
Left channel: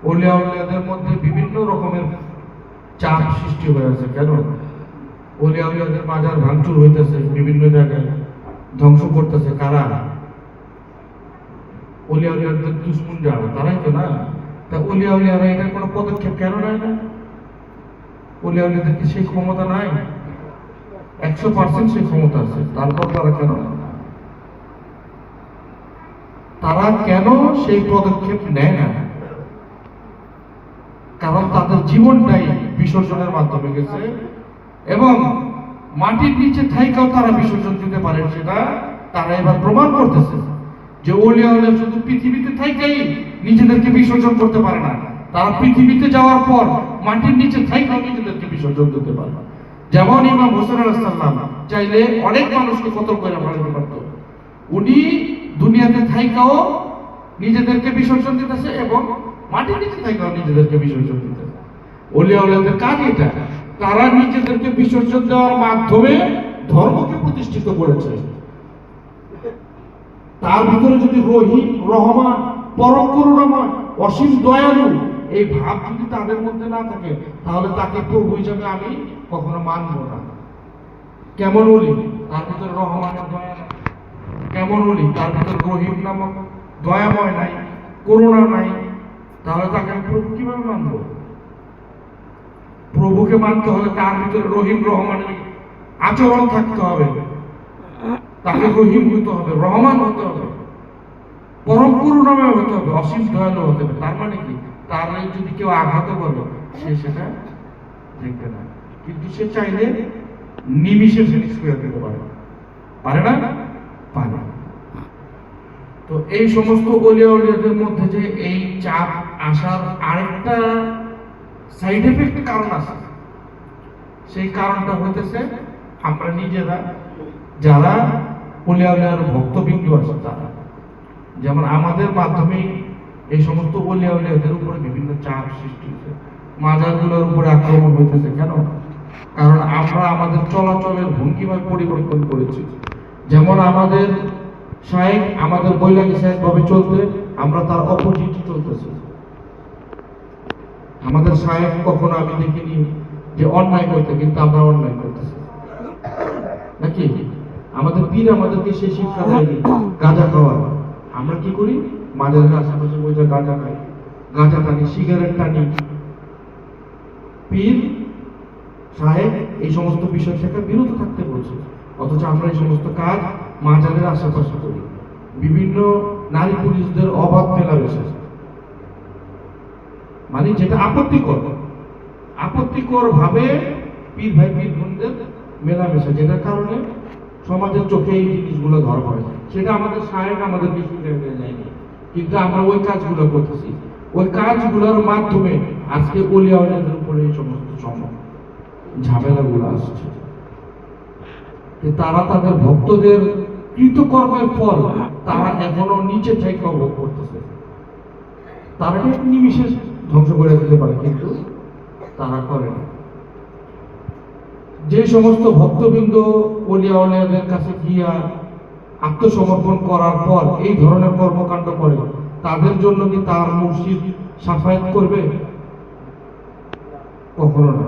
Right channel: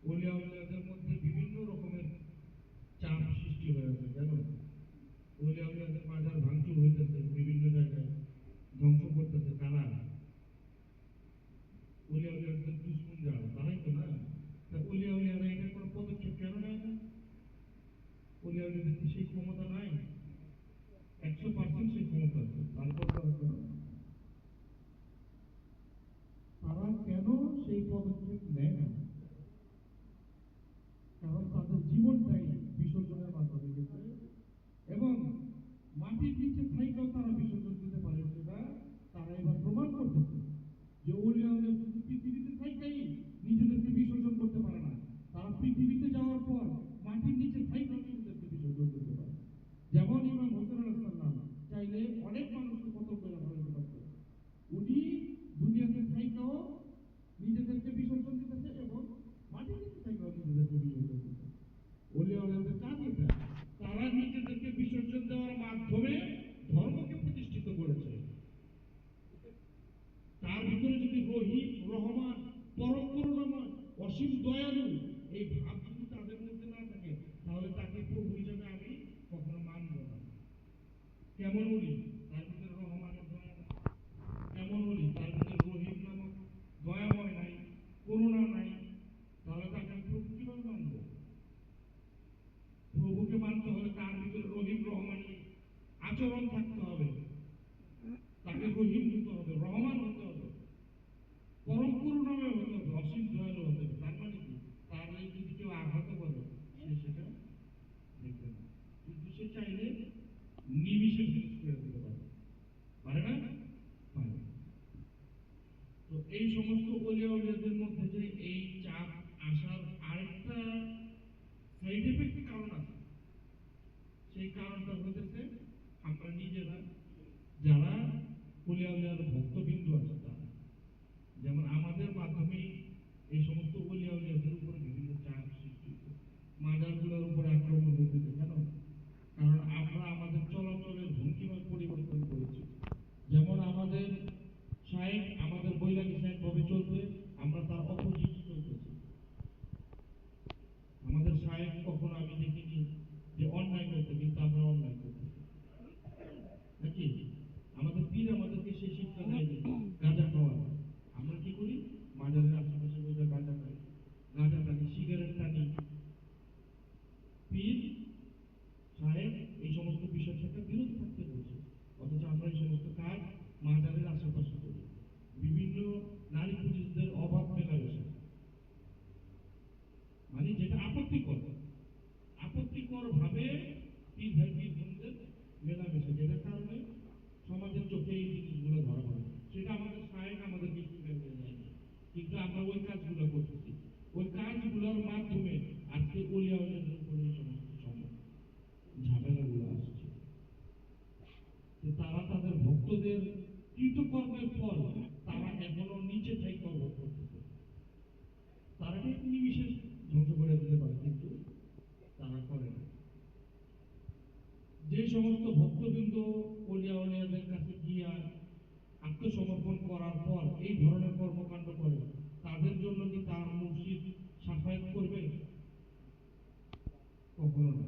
ওলিয়া উলিয়াদের মধ্যে বিভিন্ন রকমের চাপ সৃষ্টি হয়ে আছে। কেন? ওলিয়া উলিয়াদের মাজার ভাঙচুর হইতেছে, বিভিন্ন জায়গায় ধ্বংস করতেছে কারা? ওলিয়া উলিয়াদের দুশ্মন যারা, তারাই তো না। তা ওলিয়া উলিয়ারা এটার কোনো পদক্ষেপ কেন নেয় না? ওলিয়া উলিয়াদের কি সেই ক্ষমতা নাই? 100% সেই ক্ষমতা আছে, তারপর তারা কেন সেই পদক্ষেপ নেয় না? কারণ তাদের জীবনটাই বিসর্জনের মাধ্যমে গেছে, এবং মাটির নিচে থাইকাও তারা বিসর্জন দিতে পারে, সেটা তারা এবার প্রমাণ করতেছে যে ওলিয়া উলিয়া শুধু পৃথিবীতে থাইকাই নিজেদেরকে বিসর্জন করতে পারে না, তারা পৃথিবীতে যাওয়ার পর মাটির নিচে থাইকাও নিজেদেরকে বিসর্জন দিতে পারে। যেমন ইমাম হোসেন আলাইহিস সালাম চাইলে অনেক মানুষকে কতল করে ফেলতে পারত। উনি দুনিয়াতে থাইকাও নিজেদেরকে বিসর্জন দিতেছে এবং মাটির নিচে থাইকাও নিজেদেরকে বিসর্জন দিতেছে। ওলিয়া উলিয়াদের কাজ এটা, তারা নিজেদেরকে বিসর্জন দেওয়ার মাধ্যমে ধর্মকে প্রতিষ্ঠিত করেছে। তার ভিতরে যদি রহিম, রহমান, পরম করুণাময়, অসীম দয়ালু এই ভাব যদি তাদের মধ্যে না থাকে, তাহলে তাকে প্রভু হিসাবে আমি কখনো মানব না। কেমন ওলি? তার ভিতরে রহমানের দয়া নাই। কেমন ওলি? তার ভিতরে রহিম নামক দয়াময় নাই, করুণা নাই, তাহলে তাকে আমি প্রভু কিভাবে মানব? প্রভুকে মানতে হলে তার ভিতরে রহিম রহমানের আচরণ থাকতে হবে, তাকে রহিম হতে হবে, রহমান হতে হবে, পরম করুণাময় হতে হবে, অসীম দয়ালু হতে হবে। তার মানে কি? তার যদি কেউ আঘাত করে সে সেটা দেখবে না, কিন্তু সে চাইলে নিমিষে ফিনিশ করে দিতে পারে। পারে না? পারে। তো এই সমস্ত ওলিয়া উলিয়াদের মধ্যে যে এই চাপ আসার আরেকটা সাইড এফেক্ট কারণ আছে, সেই কারণটা হইতেছে আমরা নিজেরা যারা ওলিয়া উলিয়ার ভক্তবিন্দু আছে তারা, যেমন আমাদের মাধ্যমে এই সমস্ত ওলিয়া উলিয়াদের উপরে বিভিন্ন চাপ সৃষ্টি হয়েছে, মাজারগুলোর উপরে আক্রমণ হইতেছে। কেন? কারণ আমরা আমাদের চলাচলের ভঙ্গিমায় পরিবর্তন করেছি। যেমন আমাদের শায়েখ আমাদের বৈরাগী শায়েখ ভাবে চলতে, আমরা তার অপোজিট চলতেছি। আমাদের শায়েখ কখনো আমি দেখিনি যে অন্যায় করতে, কিন্তু আমরা অন্যায় করতেছি নাকি? আমাদের পীর আমাদেরকে সেই শিক্ষা দেয়নি গাঁজা খাওয়া। আমরা কি করি? মাজারের আশেপাশে বসে গাঁজা খাই, গাঁজা টানি, সিগারেট টানি। পীর সাহেব এই সমস্ত বিষয় থেকে বিরত থাকতে বলছে, অথচ আমরা এই সমস্ত কাজ মাজারের আশেপাশে করি। বিভিন্ন নারী পুরুষদের অবাধ মেলামেশা, মানে যেটা আপত্তিকর ভাবে পীর ভাই পীর বোনদের মেলামেশা, যেটার কারণে সমাজের চোখে এই জিনিসগুলো ধরা পড়ে, সেটা আমাদের সাহেব আমাদের কিছু যায়নি, কিন্তু আমরা ওই কাজগুলো করতেছি। ওই কাজগুলোর মাধ্যমে আজকে ওলিয়াউলিয়াদের উপরে এই সমস্ত ঝামেলাগুলো আসছে। তারা তাদের ভক্তদের কৃতকর্মের ফল তারা এখনো নিচে থেকে ভোগ করতেছে। তারা এক নিমিষে ধ্বংস করে দিতে পারে, কিন্তু তারা করে না। যে সমস্ত ভক্তবৃন্দ ওলিয়াউলিয়াদের কাছে গিয়া আত্মসমর্পণ করার পর এই ধরনের কর্মকাণ্ড করে, তাদের জন্য কি তার মুর্শিদ সাফায়াত করবে? কখনো না।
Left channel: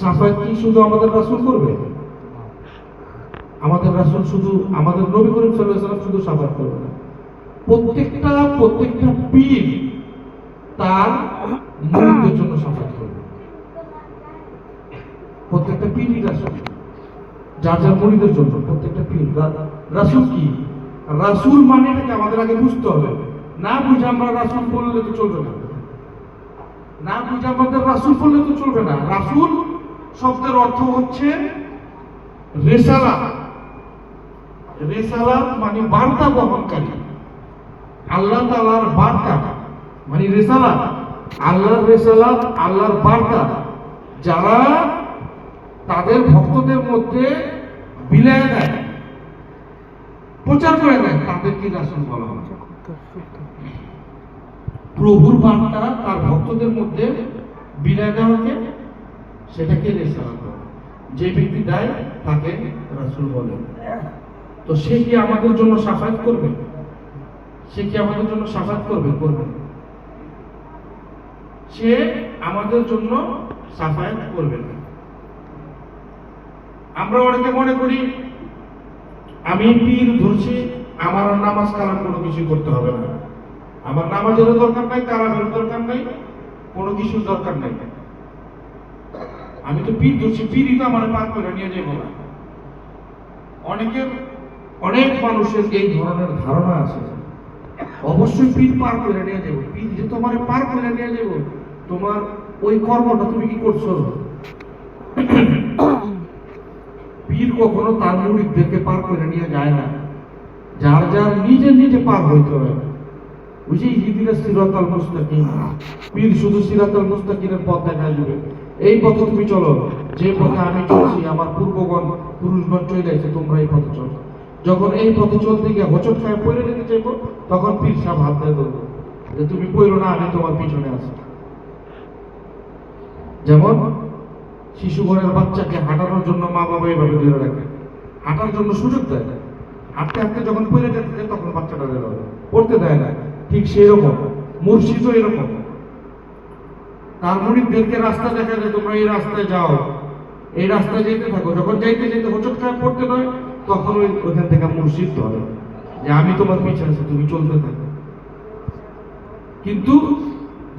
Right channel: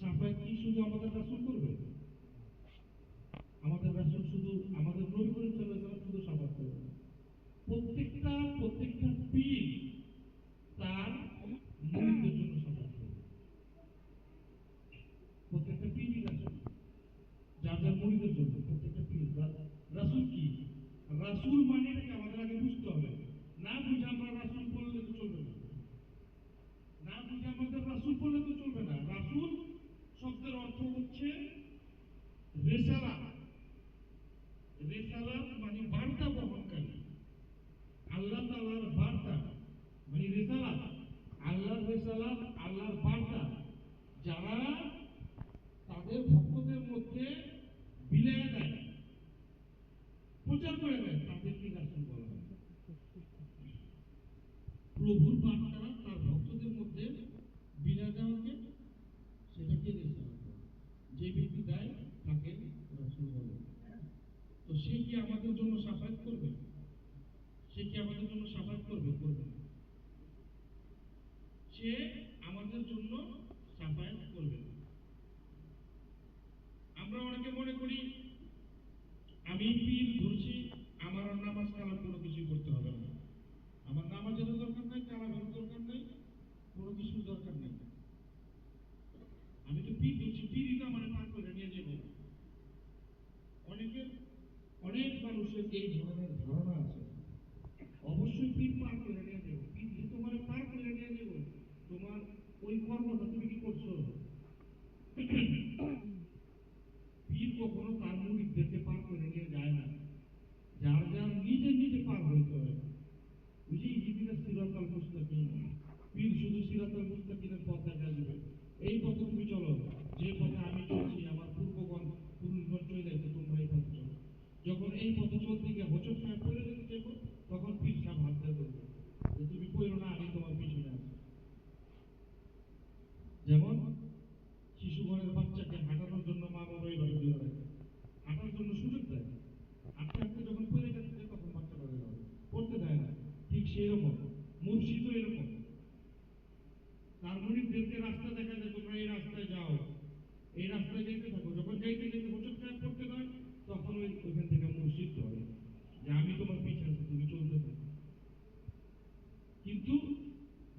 সাফায়াত কি শুধু আমাদের রাসূল করবে? আমাদের রাসূল শুধু, আমাদের নবী করিম সাল্লাল্লাহু আলাইহি ওয়াসাল্লাম শুধু সাফায়াত করবে না, প্রত্যেকটা পীর তার মুরিদদের জন্য সাফায়াত করবে। প্রত্যেকটা পীরই রাসূল, যার যার মুরিদের জন্য প্রত্যেকটা পীর। রাসূল কি? রাসূল মানে কি আমাদের আগে বুঝতে হবে। না বুঝে আমরা রাসূল বললে তো চলবে না, না বুঝে আমাদের রাসূল বললে তো চলবে না। রাসূল শব্দের অর্থ হচ্ছে রিসালাত। রিসালাত মানে বার্তা বহনকারী, আল্লাহ তাআলার বার্তা মানে রিসালাত, আল্লাহর রিসালাত, আল্লাহর বার্তা যারা তাদের ভক্তদের মধ্যে বিলায় দেয়, প্রচার করে দেয়, তাদেরকে রাসূল বলা হয়। প্রভুর বার্তা তার ভক্তদের মধ্যে বিলায় দেওয়াকে সেটাকে রিসালাত বলে। যে ব্যক্তি দেয় তাকে রাসূল বলে। তো সে কি আমাদের জন্য সাফায়াত করবে? সে কি আমাদের জন্য সাফায়াত করবে? করবে না। সে আমাদের জন্য সাফায়াত করবে না। আমরা অনেকে মনে করি আমি পীর ধরছি, আমার আর নামাজ কালাম কোনো কিছু করতে হবে না, আমার নামাজেরও দরকার নাই, কালামের দরকার নাই, কোনো কিছুর দরকার নাই, আমি তো পীর ধরছি, পীরই তো আমার পার করে নিয়ে যাবো না। অনেক মানুষের এই ধরনের ধারণা আছে, অবশ্যই পীর পার করে নিয়ে যাবো, পীর যে তোমার পার করে নিয়ে যাবো, তোমার ওই কর্মটা তুমি কি করছো? পীর কখনো তার মুরিদদেরকে পার করে নিয়ে যায় না, যার যার নিজে নিজে পার হইতে হয়। ওই যে ইহদিনাস সিরাতাল মুস্তাকিম, পীর শুধু সিরাতাল মুস্তাকিমের পথ দেখা দিবে, এই পথে তুমি চলো, যে পথে আমি চলছি, আমার পূর্বগণ পুরুষগণ চলে গেছে, তোমরা এই পথে চলো। যখন এই পথে চলতে গিয়ে হোঁচট খায় পড়ে যেতে চাইবো, তখন পীর সাহেব হাত দিয়ে ধরবো যে তুমি পড়ো না, আমি তোমার পিছনে আছি। যেমন শিশু ঘরের বাচ্চাকে হাঁটানোর জন্য মা বাবা এইভাবে ধরে রাখে, হাঁটার জন্য সুযোগ দেয়, হাঁটতে হাঁটতে যখন পড়ে যেতে যায় তখন বাচ্চাটা ধরে পড়তে দেয় না। ঠিক সেই রকম মুর্শিদও এরকম, তার মুরিদদেরকে রাস্তা দেখা যায়, তোমরা এই রাস্তায় যাও, এই রাস্তায় যেতে থাকো, যখন যাইতে যেতে হোঁচট খায় পড়তে নয়, তখন ওইখান থেকে মুর্শিদ ধরে যে আমি তোমার পিছনে আছি, তুমি চলতে থাকো। কিন্তু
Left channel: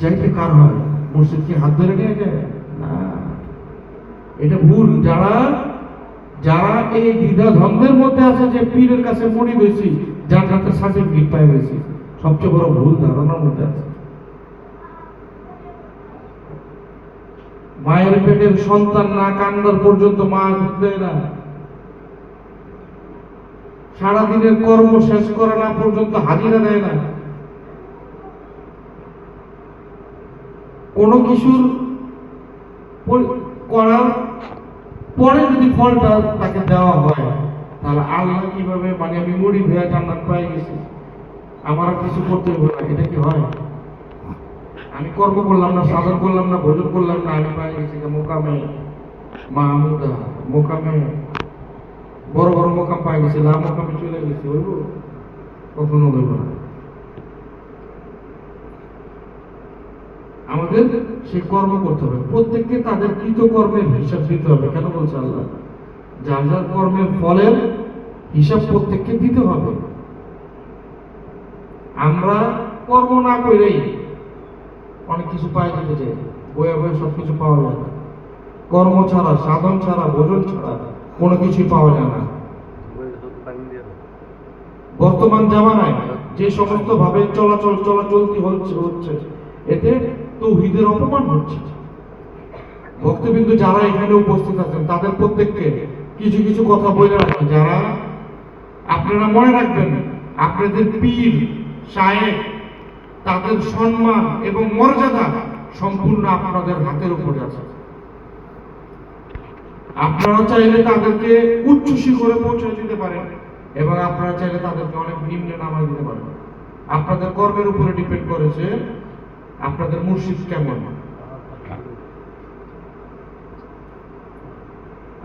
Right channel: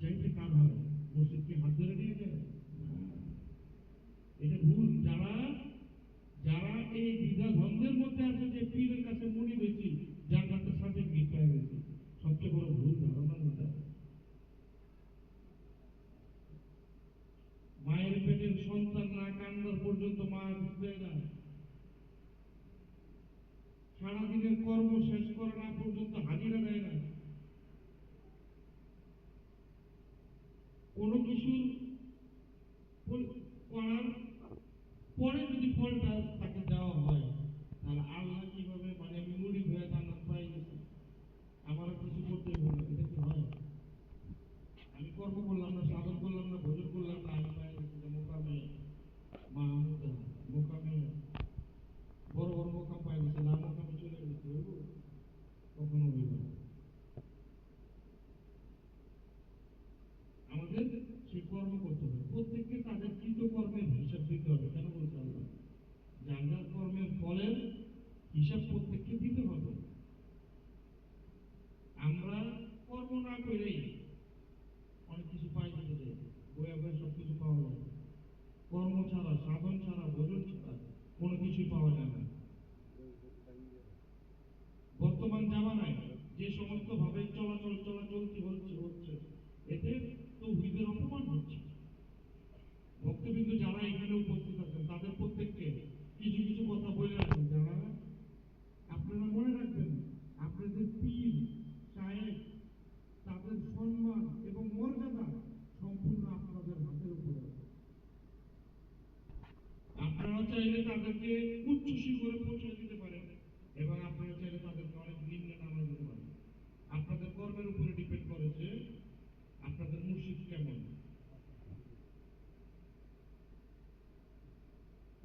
যাইতে কার হয়? মুর্শিদকে হাত ধরে নিয়ে যায় না, এটা ভুল। যারা যারা এই দ্বিধা দ্বন্দ্বের মধ্যে আছে যে পীরের কাছে মুরিদ হয়েছি, জান্নাতের সার্টিফিকেট পাই গেছি, সবচেয়ে বড় ভুল ধারণার মধ্যে আছে। মায়ের পেটের সন্তান না কান্নার পর্যন্ত মা দুধ দেয় না, সারাদিনের কর্ম শেষ করা না পর্যন্ত হাজিরা দেয় না, কোনো কিছুর করার পরে যদি ফলটা তাকে দেওয়া হয়, তাহলে আল্লাহ কিভাবে, মানে আমি মুড়ি ভেয়া জান্নাত পাই গেছি, আমার আর কিছু করতে হবে না, এটা কি হয়? আমি কর্ম করলাম না, সাধন করলাম না, ভোজন করলাম না, আমি পাই গেছি মোকামে মাহমুদা, মোকামে বড় বড় মোকাম পাই গেছি, না মোকামে চলে গেছি, হইব? কখনো হইব না। আমাদের সেই কর্ম করতে হবে, প্রত্যেককে তাদের কৃতকর্মের হিসাব দিতে হবে। কেন বলছে আল্লাহ? যার যার কর্মের ফলের হিসাব প্রত্যেককে দিতে হবে। আমরা কর্ম না করেই অনেক কিছু পাই যেতে চাই, বয়ে বয়ে সবকিছু পাওয়া যায় না। কর্ম ছাড়া, সাধন ছাড়া, ভোজন ছাড়া কোনো কিছুই পাওয়া যায় না। বর্তমান জামানায় যে সমস্ত ভাবে চলাচলতি হচ্ছে, এতে তাওহীদের অপমান হচ্ছে। ভক্তবৃন্দ যারা এখানে উপস্থিত আছেন, তাদের প্রত্যেককে কিছু কিছু কথা বলে রাখেন, যারা আপনারা মনে রাখবেন, আপনাদের পীর শায়েখ তাদের সম্মান এবং মর্যাদা সম্পূর্ণ আপনাদের হাতের উপরে আছে। আপনারা চাইলে তাদেরকে উচ্চ শিখরে পৌঁছে দিতে পারেন এবং আপনারা চাইলে তাদেরকে অনেক নিম্নে নামায় দিতে পারেন। আপনাদের কর্মের উপরে ডিপেন্ড করেছে আপনাদের মুর্শিদ কেমন।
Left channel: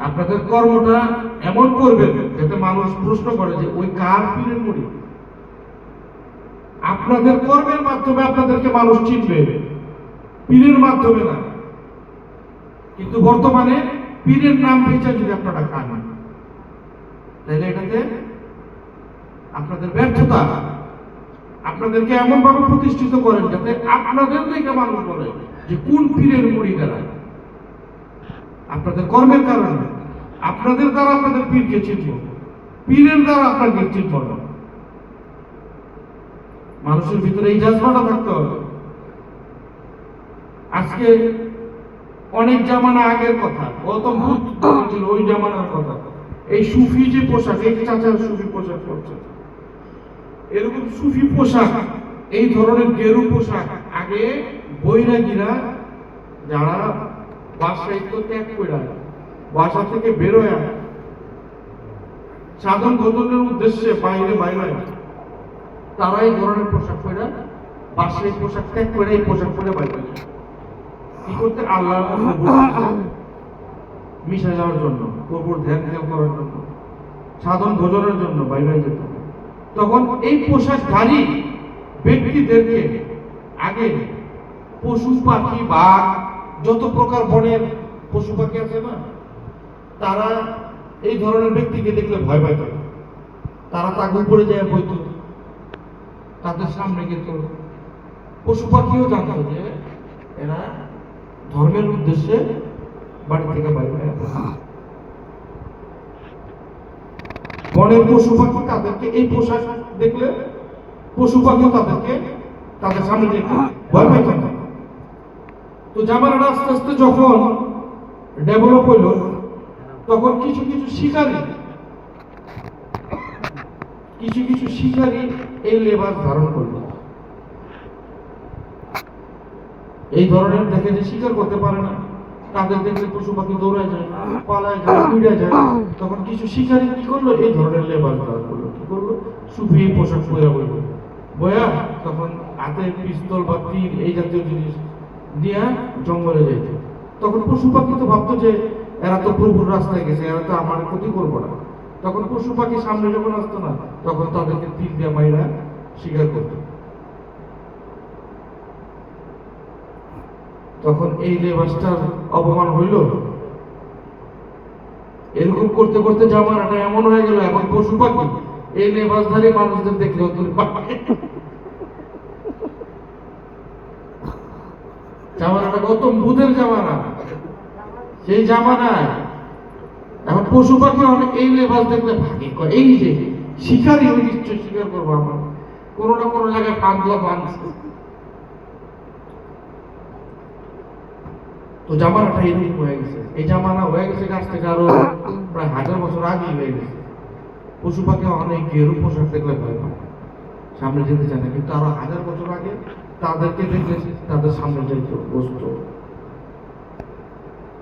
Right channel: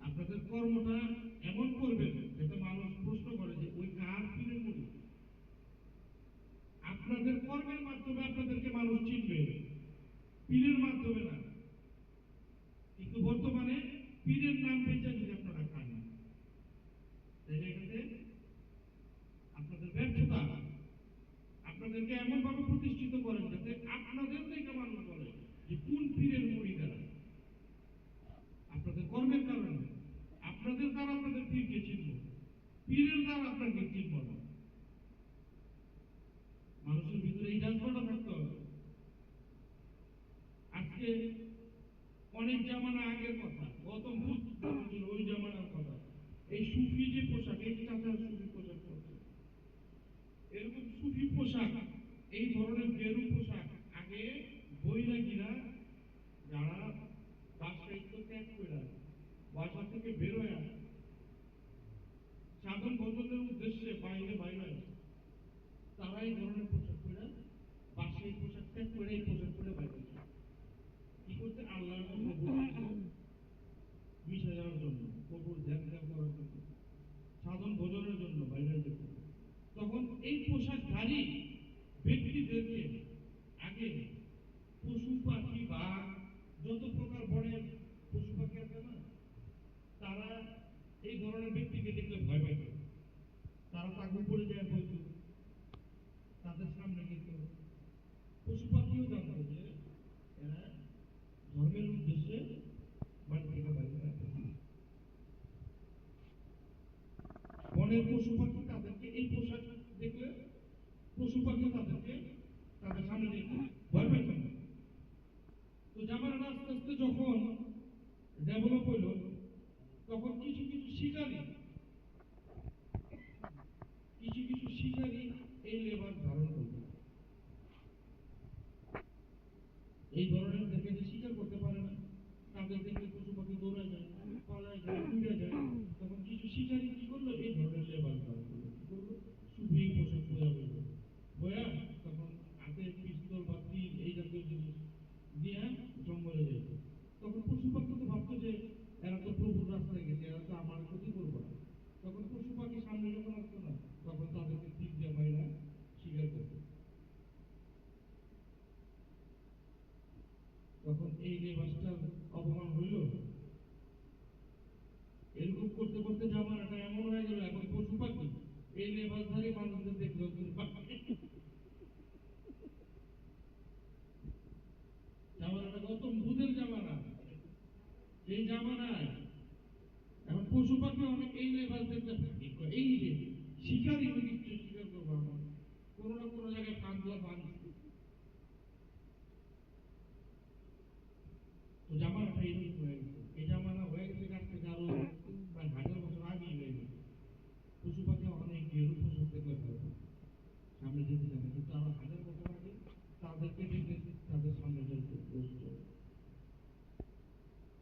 আপনাদের কর্মটা এমন করবেন যাতে মানুষ প্রশ্ন করে যে ওই কার পীরের মুড়ি। আপনাদের কর্মের মাধ্যমে আপনাদেরকে মানুষ চিনবে, পীরের মাধ্যমে না। কিন্তু বর্তমানে পীরের নাম ভেজা যদি আপনারা খান, তাহলে এটাতে আপনাদের ব্যর্থতা। আপনাদেরকে এমন ভাবে প্রতিষ্ঠিত করেন যাতে আপনাদের থেকে মানুষ বলে যে কোন পীরের মুড়ি দাঁড়ায়। আপনাদের কর্মের কারণে আপনাদের দ্বারা আপনাদের পীরকে চিনব, পীরের দ্বারা আপনাকে চিনব না। মানুষের ভিতরে এই জাজবাটা থাকতে হবে। আজকে অনেক জামানা আগের কথা, গৌতম বুদ্ধ ছিল ওই জামানার কথা। এই সুফি যে পোশাক, এই চাচার সুফি পোশাক করছে, এরকম সুফি পোশাক, এই ধরনের গেরু পোশাক আগে বৈরাগীরা যারা বাসায়িত্ব ত্যাগ করে বাসা থেকে বেরোয় সাধন ভজনের উদ্দেশ্যে বাইরে বাইরে, তারা এই ধরনের পোশাক পরে বাসায় পোশাক ত্যাগ করে এই পোশাক পরে বাইরে কি করতে, আল্লাহর মিশে যাওয়ার জন্য, প্রভুর ধ্যান ধ্যান করার জন্য, সাধন ভজনের জন্য বাইরে যেত। তখন এই পোশাকধারী ব্যক্তিদেরকে আগে পশু পাখি বাঘ যত প্রকার বনের পশু পাখি আছে না, তারা এই ধরনের ব্যক্তিকে দেখলে ভয় পাইত। তারা তাকে উপরে যায় বইত, তাদের সামনে কিন্তু পশু পাখিও জানত যে এরা ধর্মের উদ্দেশ্যে বাড়ি থেকে বাইরে। বনের পশু পাখি তাদেরকে এই পোশাক দেখলে পশু পাখিও তাদেরকে তাদের সামনে দেখতে ভয় পাইত না। তো জামানাটা আস্তে আস্তে যখন ডেভেলপ হইল, তখন কিছু কিছু শিকারী এই লেবাস ধারণ করল। এই ধরনের দেখে যে শিকার করতে পারে না, তাদের দেখলে পশু পাখি দৌড়ায় যায়, পালায় যায়, উড়ে যায়। তখন কিছু শিকারী কি করলো, এই ধরনের লেবাস ধারণ করলো। কি করলো, সুফি পোশাক পরে বইল বয়া, তখন হাতে পিস্তল বা তীর এই জাতীয় জিনিস দিয়া জঙ্গলে যেত। তখন পশু পাখি তো ভাবতো যে এরা তো প্রভুর রাস্তায় গেছে, এরা তো আমার ক্ষতি করবো না। তখন পশু পাখি সামনে যখন আসতো না, তখন তাদেরকে তীর দিয়া মাইরা শিকার করত। তখন এই লেবাসটার অপমান হইল। এরকম করতে করতে জামানাটা এমন হয়ে গেল, এখন পশু পাখি এই লেবাসধারী মানুষদের দেখলেও জামানাটা গৌতম বুদ্ধের জামানা। সেই জামানায় এখন পশু পাখি অনেক এই লেবাস দেখলে ভাগে, এই যে শিকারই হয়ে নিশ্চয় শিকার করবো, আমার কোনো না কোনো জায়গায় পান্তা বাঁধছে। তো জামানাটা এরকম হয়ে গেছে। এই জামানা হয়ে গেছে গাছ থেকে আরো প্রায় 1000 বছর আগে হয়ে গেছে। পশু পাখি অনেক গেরু পোশাক দেখলে ভয় পায়, সামনে যেতে চায় না। কিন্তু আরো 1000 বছর আগে তাদেরকে দেখলে তাদের সামনে যাইতো, বসতো।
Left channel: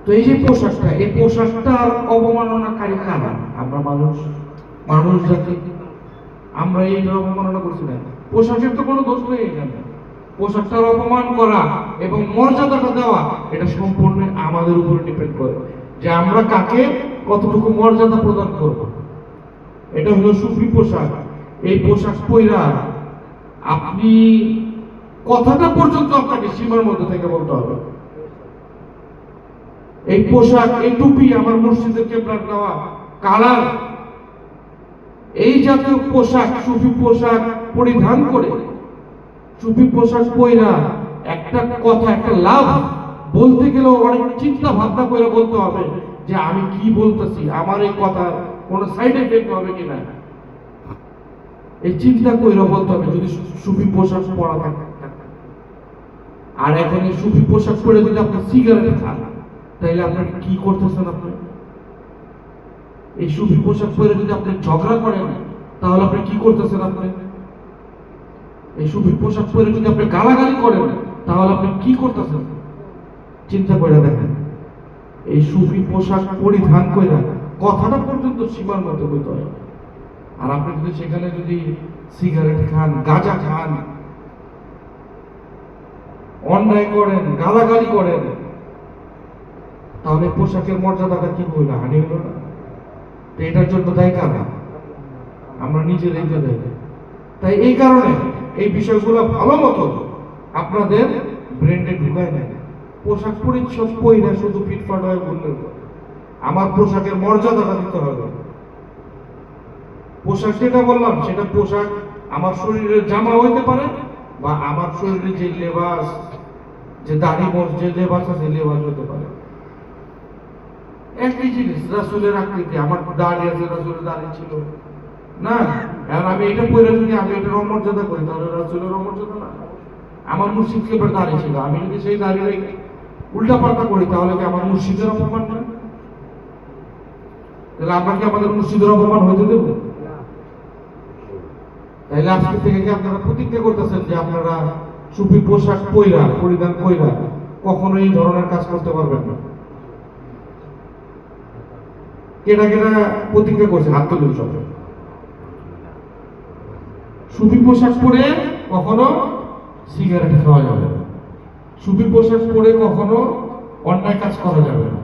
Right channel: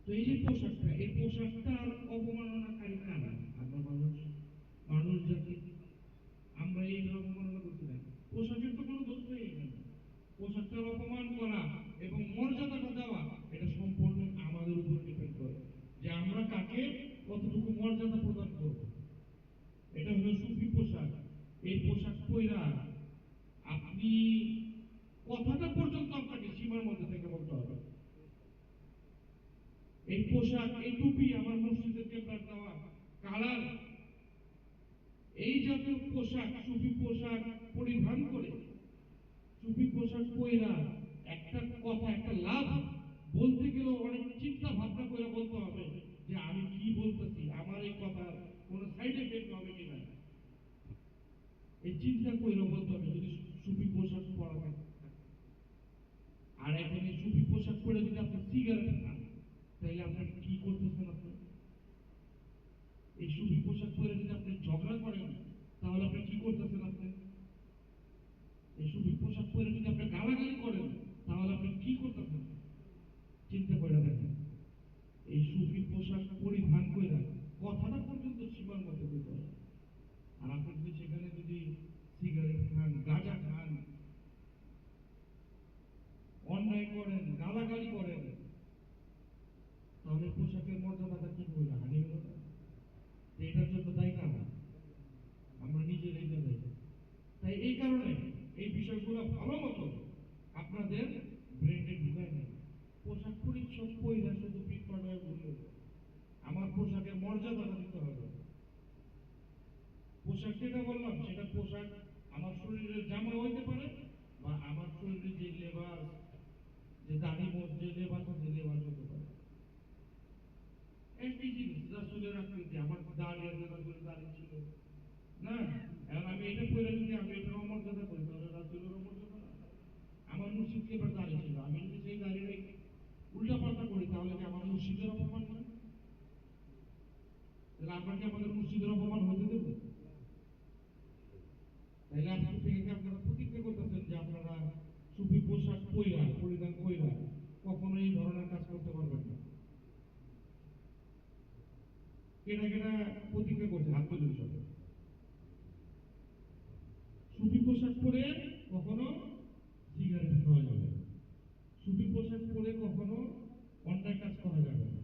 তো এই যে পোশাকটা, এই পোশাকটার অবমাননাকারী কারা? আমরা মানুষ জাতি, আমরা এই অবমাননা করছি না। পোশাকের তো কোনো দোষ নেই এখানে। পোশাকটার অপমান করা এবং মর্যাদাটা দেওয়া, এটা সম্পূর্ণ আমাদের উপরে ডিপেন্ড করে যে আমরা কাকে কতটুকু মর্যাদা প্রদান করব। এটা হলো সুফি পোশাক। এই পোশাক পইরা আপনি কথাটা পর্যন্ত আপনাকে সীমার মধ্যে থেকে বলতে হবে। এই পোশাক, এই টুপি, আমার মসজিদের কেবলার দেওয়া কালার, এই জাতীয় পোশাক, সুফি পোশাক পরিধান করে, সুফি পোশাক পইরা একটা কথা, একটা লাভ বলতে গেলেও অনেক চিন্তা ভাবনা করে বলতে হবে যে আমি কি বলতেছি, আমার এই কথা কোনো সাইড এফেক্ট হবে কিনা, এই চিন্তা করে বলতে হবে যদি সুফি পোশাক পরা থাকে। আর এখন এই সুফি পোশাক পরে যদি আপনি সিগারেট খান, তাইলে আপনার কি করতেছেন? আপনি এই সুফি পোশাক পরে যদি আপনি ঝগড়া করেন, তাহলে আপনি কি করতেছেন? আপনি এই সুফি পোশাক পরে যদি আপনি গালাগালি করেন তাহলে আপনি কি করতেছেন? চিন্তা করে দেখেন। এই সুফি পোশাক পরিধান করে কথাটা পর্যন্ত সীমার মধ্যে হইতে হয়। আর আপনি যদি সেখানে যদি সিগারেট খান, গাঁজা খান, অন্যায় করেন, গালাগালি করেন, তাহলে পোশাকের মর্যাদাটা কি হইল? হানি হইল না? তো এটার জন্য দায়ী কারা? আমরা নিজেরাই তো দায়ী। তাই এই কারণে এই বিষয়গুলো ভালো মতো আপনাদের ব্রেন্ডে ঢুকায় নেয়। পোশাক পরিচ্ছদ পরিধান শুধু ফিটফাট হয়ে বললেন, আমার পোশাকের মর্যাদাটা দিতে হবে। পোশাক যেটা বললাম সেটা পোশাক আমার শরীরের জামা হইতে পারে, বা আমার শরীরে যে লেবাস, যে দাড়ি মোজ যে লেবাস আছে লেবাস হতে পারে। একই জিনিস, রাসূলের আকৃতি, আমার দাড়ি আছে, রাসূলের দাড়ি ছিল না, আর আমি এটা পরে যদি আমি এটার অমর্যাদা করি তাহলে রাসূলের অমর্যাদা না। আমার মুর্শিদ কেবল দাড়ি ছিল, আমি যদি সেই দাড়ি উল্টা পাল্টা করি তাহলে কি আমার মুর্শিদের অপমান না? তাহলে আমরা কি আমাদের মুর্শিদের অপমান হইতে দেব? তাইলে আজকে থেকে কি আপনারা প্রতিজ্ঞা করতেছেন যে আপনারা সুফি পোশাক পরিধান কইরা কখনো এই ধরনের কাজ করতে পারবেন না? কেটা কেটা প্রতিজ্ঞা করছে? হাত তুলুন সব। সুফি পোশাক পরে কখনো সিগারেট খাওয়া যাবে না, সুফি পোশাক পরে কখনো অন্যায় কাজ করা যাবে না,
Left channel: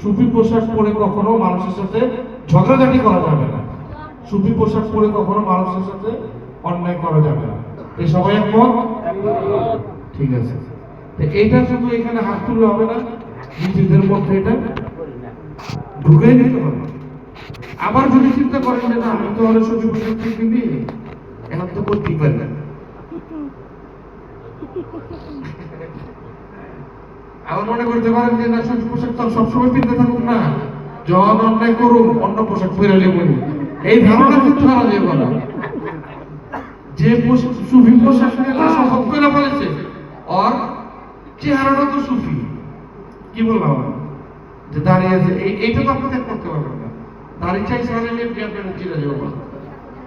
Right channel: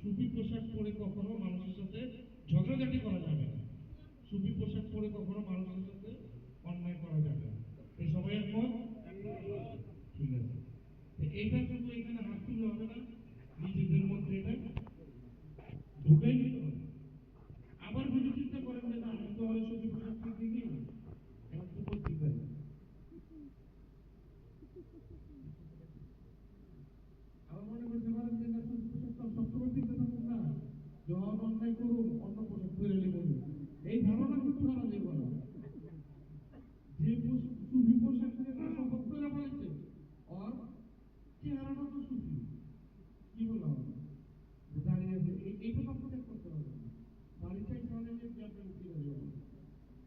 সুফি পোশাক পরে কখনো মানুষের সাথে ঝগড়াঝাটি করা যাবে না, সুফি পোশাক পরে কখনো মানুষের সাথে অন্যায় করা যাবে না। এই সবাই একমত? ঠিক আছে। তো এইটা শুধু এখানে হাত তুললে হবে না, নিজেদের মধ্যে এটা ঢুকে নিতে হবে। আবার যদি চিন্তা করেন যে না আমি তো অনেক সুফি পোশাক কিনি, এখন তো করতেই পারি না, আবার মনে করতে পারেন যে না সুফি পোশাক তো সবসময় পিনতে থাকুক না, যখন অন্যায় করুন অন্য পোশাক পরে নেবেন, এই ধারণা কিন্তু হারা যাবে না। যে সুফি পোশাক শপথ করে ফেলেছে আর চেহারাটা তো সুফি, কি বললাম যে দাঁড়িয়ে আছে, এইটা তো আপনি ত্যাগ করতে পারবেন না। দাঁড়িয়ে চাইছে চিরা যাবো,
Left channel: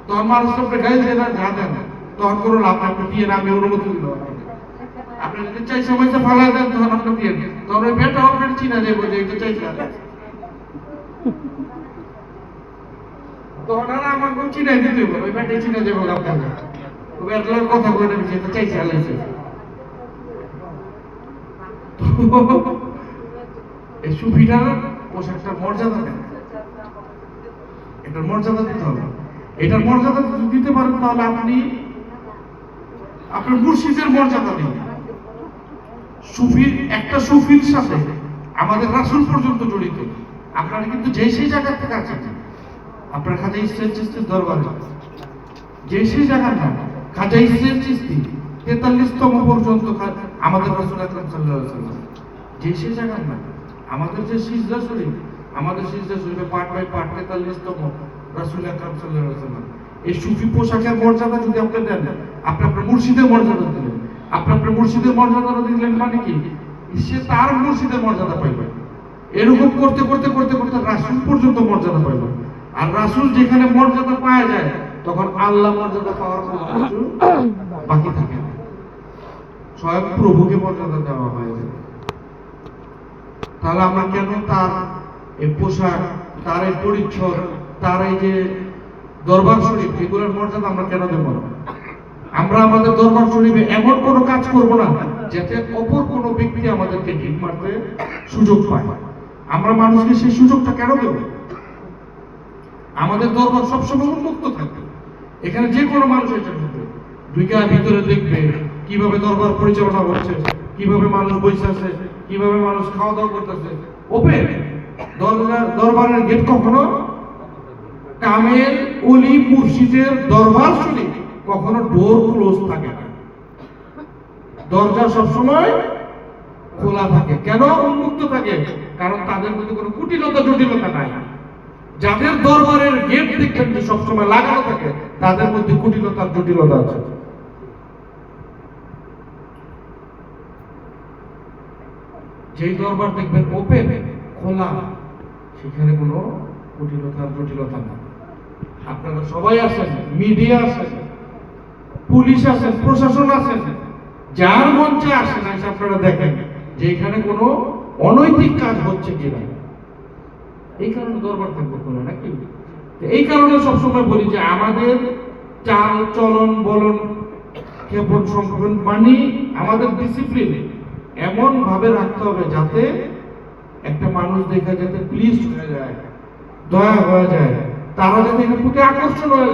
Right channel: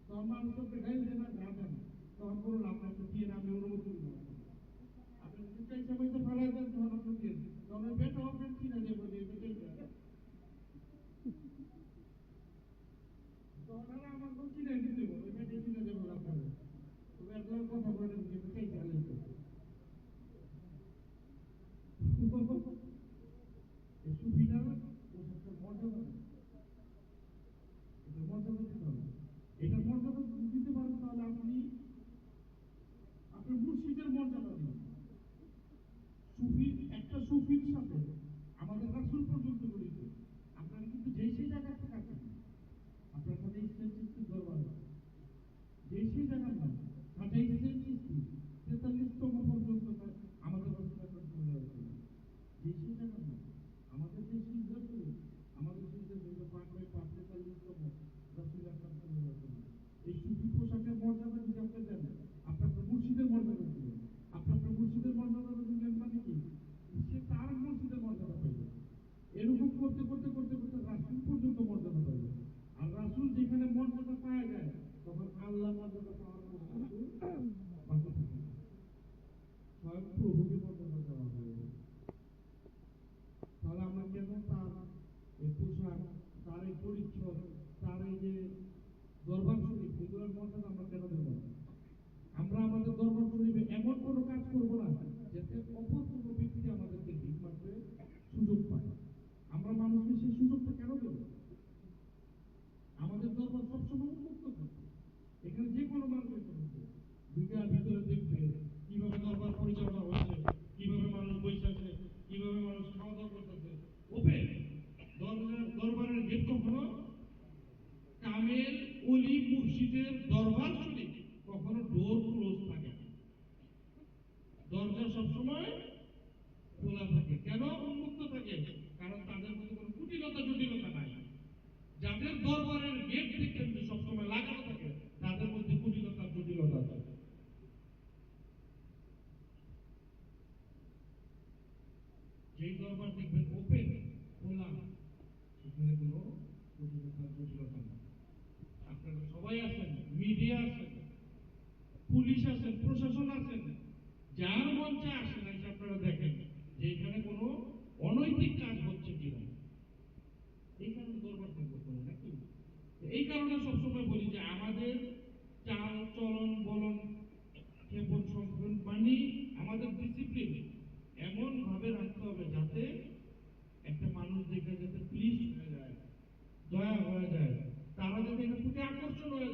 তখন মানুষ আপনি গায়ে দিয়ে না যা দেন, তখন কোনো লাভ আপনি দিয়ে আমি অনুমতি দিল। আপনি যদি চাই সময় ফালা দেন তখন আপনি দিয়ে, তখন ওই বেটা আপনার চিনা যাবো যে এটা চাইছে, তখন আর আমার কোন চিনাই দিতে হবে, ওই বেটাই চিনা যাবো আপনাকে, ওই বেটার কথা বলে দেবে যেটা চাইছে হালাইছে। এই সুফিটার পোশাকটা মর্যাদা দেন, এটার মর্যাদা দিতে হবে। এটার মর্যাদা দিতে পারেন তাহলে আপনি আপনার মুর্শিদের মর্যাদা দিন। সুফির একটা সুফির সাথে আমাদের রাসূল পর্যন্ত জড়িত। আপনারা কিন্তু যে সেই জায়গা থেকে আছেন, আপনার খাজা ইসরাইল চিশতির দরবারে যে সেই জায়গা না, খাজা ইসরাইল চিশতি 43তম পর্যন্ত আমাদের রাসূল আকরাম সাল্লাল্লাহু আলাইহি ওয়াসাল্লাম যে সেই জায়গা না, আমাদের যে সিজদা শরীফ, আমাদের সিজদা শরীফে পার্ট বাই পার্ট 43তম রাসূল আকরাম সাল্লাল্লাহু আলাইহি ওয়াসাল্লাম। এই সুফি পোশাকের মর্যাদা যদি আপনি দেন, আপনি আপনার মুর্শিদের মর্যাদা দিলেন। আপনি আপনার মুর্শিদের মর্যাদাটা দিলেন মানে কি, সে তার মুর্শিদের মর্যাদা পাইবে। এরকম করতে করতে করতে করতে রাসূল পর্যন্ত মর্যাদা পাইবে। আর রাসূল যেখানে মর্যাদা পাওয়া যায় তখন আল্লাহ মর্যাদা পাওয়ার কোনো কিছু বাকি থাকে না, স্বয়ং প্রভুকে মর্যাদা দেওয়া হয়। তাহলে আমরা কেন তার এই পোশাক, তার এই পরিচ্ছদ, তার এই যে দরবার শরীফ, এগুলোর মর্যাদা আমরা কেন দেব না? আমরা আমাদের দরবার শরীফে এমন কোনো কাজ করব না যাতে অপর কোনো ব্যক্তি আমাদেরকে ঠিক মারতে সুযোগ পায়। আমরা মানুষকে সেই সুযোগটা কেন দেব? আমাদের দরবার সবসময় উন্মুক্ত থাকবে, এখানে যে কোনো মানুষ এসে ঢুকবে, ঢুকে ভিতরে দেখবে কিভাবে দরবার পরিচালনা হচ্ছে, কিভাবে মানুষ বসে আছে, কিভাবে মানুষ খাওয়া দাওয়া করতেছে। ওপেন দরবারের গেট কখনো কামেল ওলি মুর্শিদের দরবার শরীফ কখনো ডোর ক্লোজ থাকে না, দরজা সবসময় খোলা থাকে। কেন উন্মুক্ত থাকে? কারণ তাদের মধ্যে কোনো কুটিলতা জটিলতা নাই। যাদের দরবারের গেট দেখবেন যে সবসময় লাগানো থাকে, তাদের মধ্যে কুটিলতার জটিলতা আছে। যেই দরবার দেখবেন ওপেন খোলা, সেখানে কোনো কুটিলতার জটিলতা না। আপনারা সবাই আছেন, মিডিয়া আছেন, পুলিশ আছেন, প্রশাসন আছেন, যার মঞ্চে আসেন এসে আপনারা দেখেন যে এখানে কোনো অনৈতিক কাজ হচ্ছে কিনা। এই কারণে দরবার থাকবো কোনো নাকি। এই কারণে সবসময় বলি যে আমাদের চাল চলন বলন ক্ষেপণ সংক্ষেপণ মানে আমাদের ডিসিপ্লিন এমন ভাবে রাখতে হবে যাতে একটা মানুষ দেখে যাতে প্লিজ হয়ে যায়, দয়া হয়ে যায়, তারা যাতে এর প্রতি আকর্ষণ হয়ে যায়।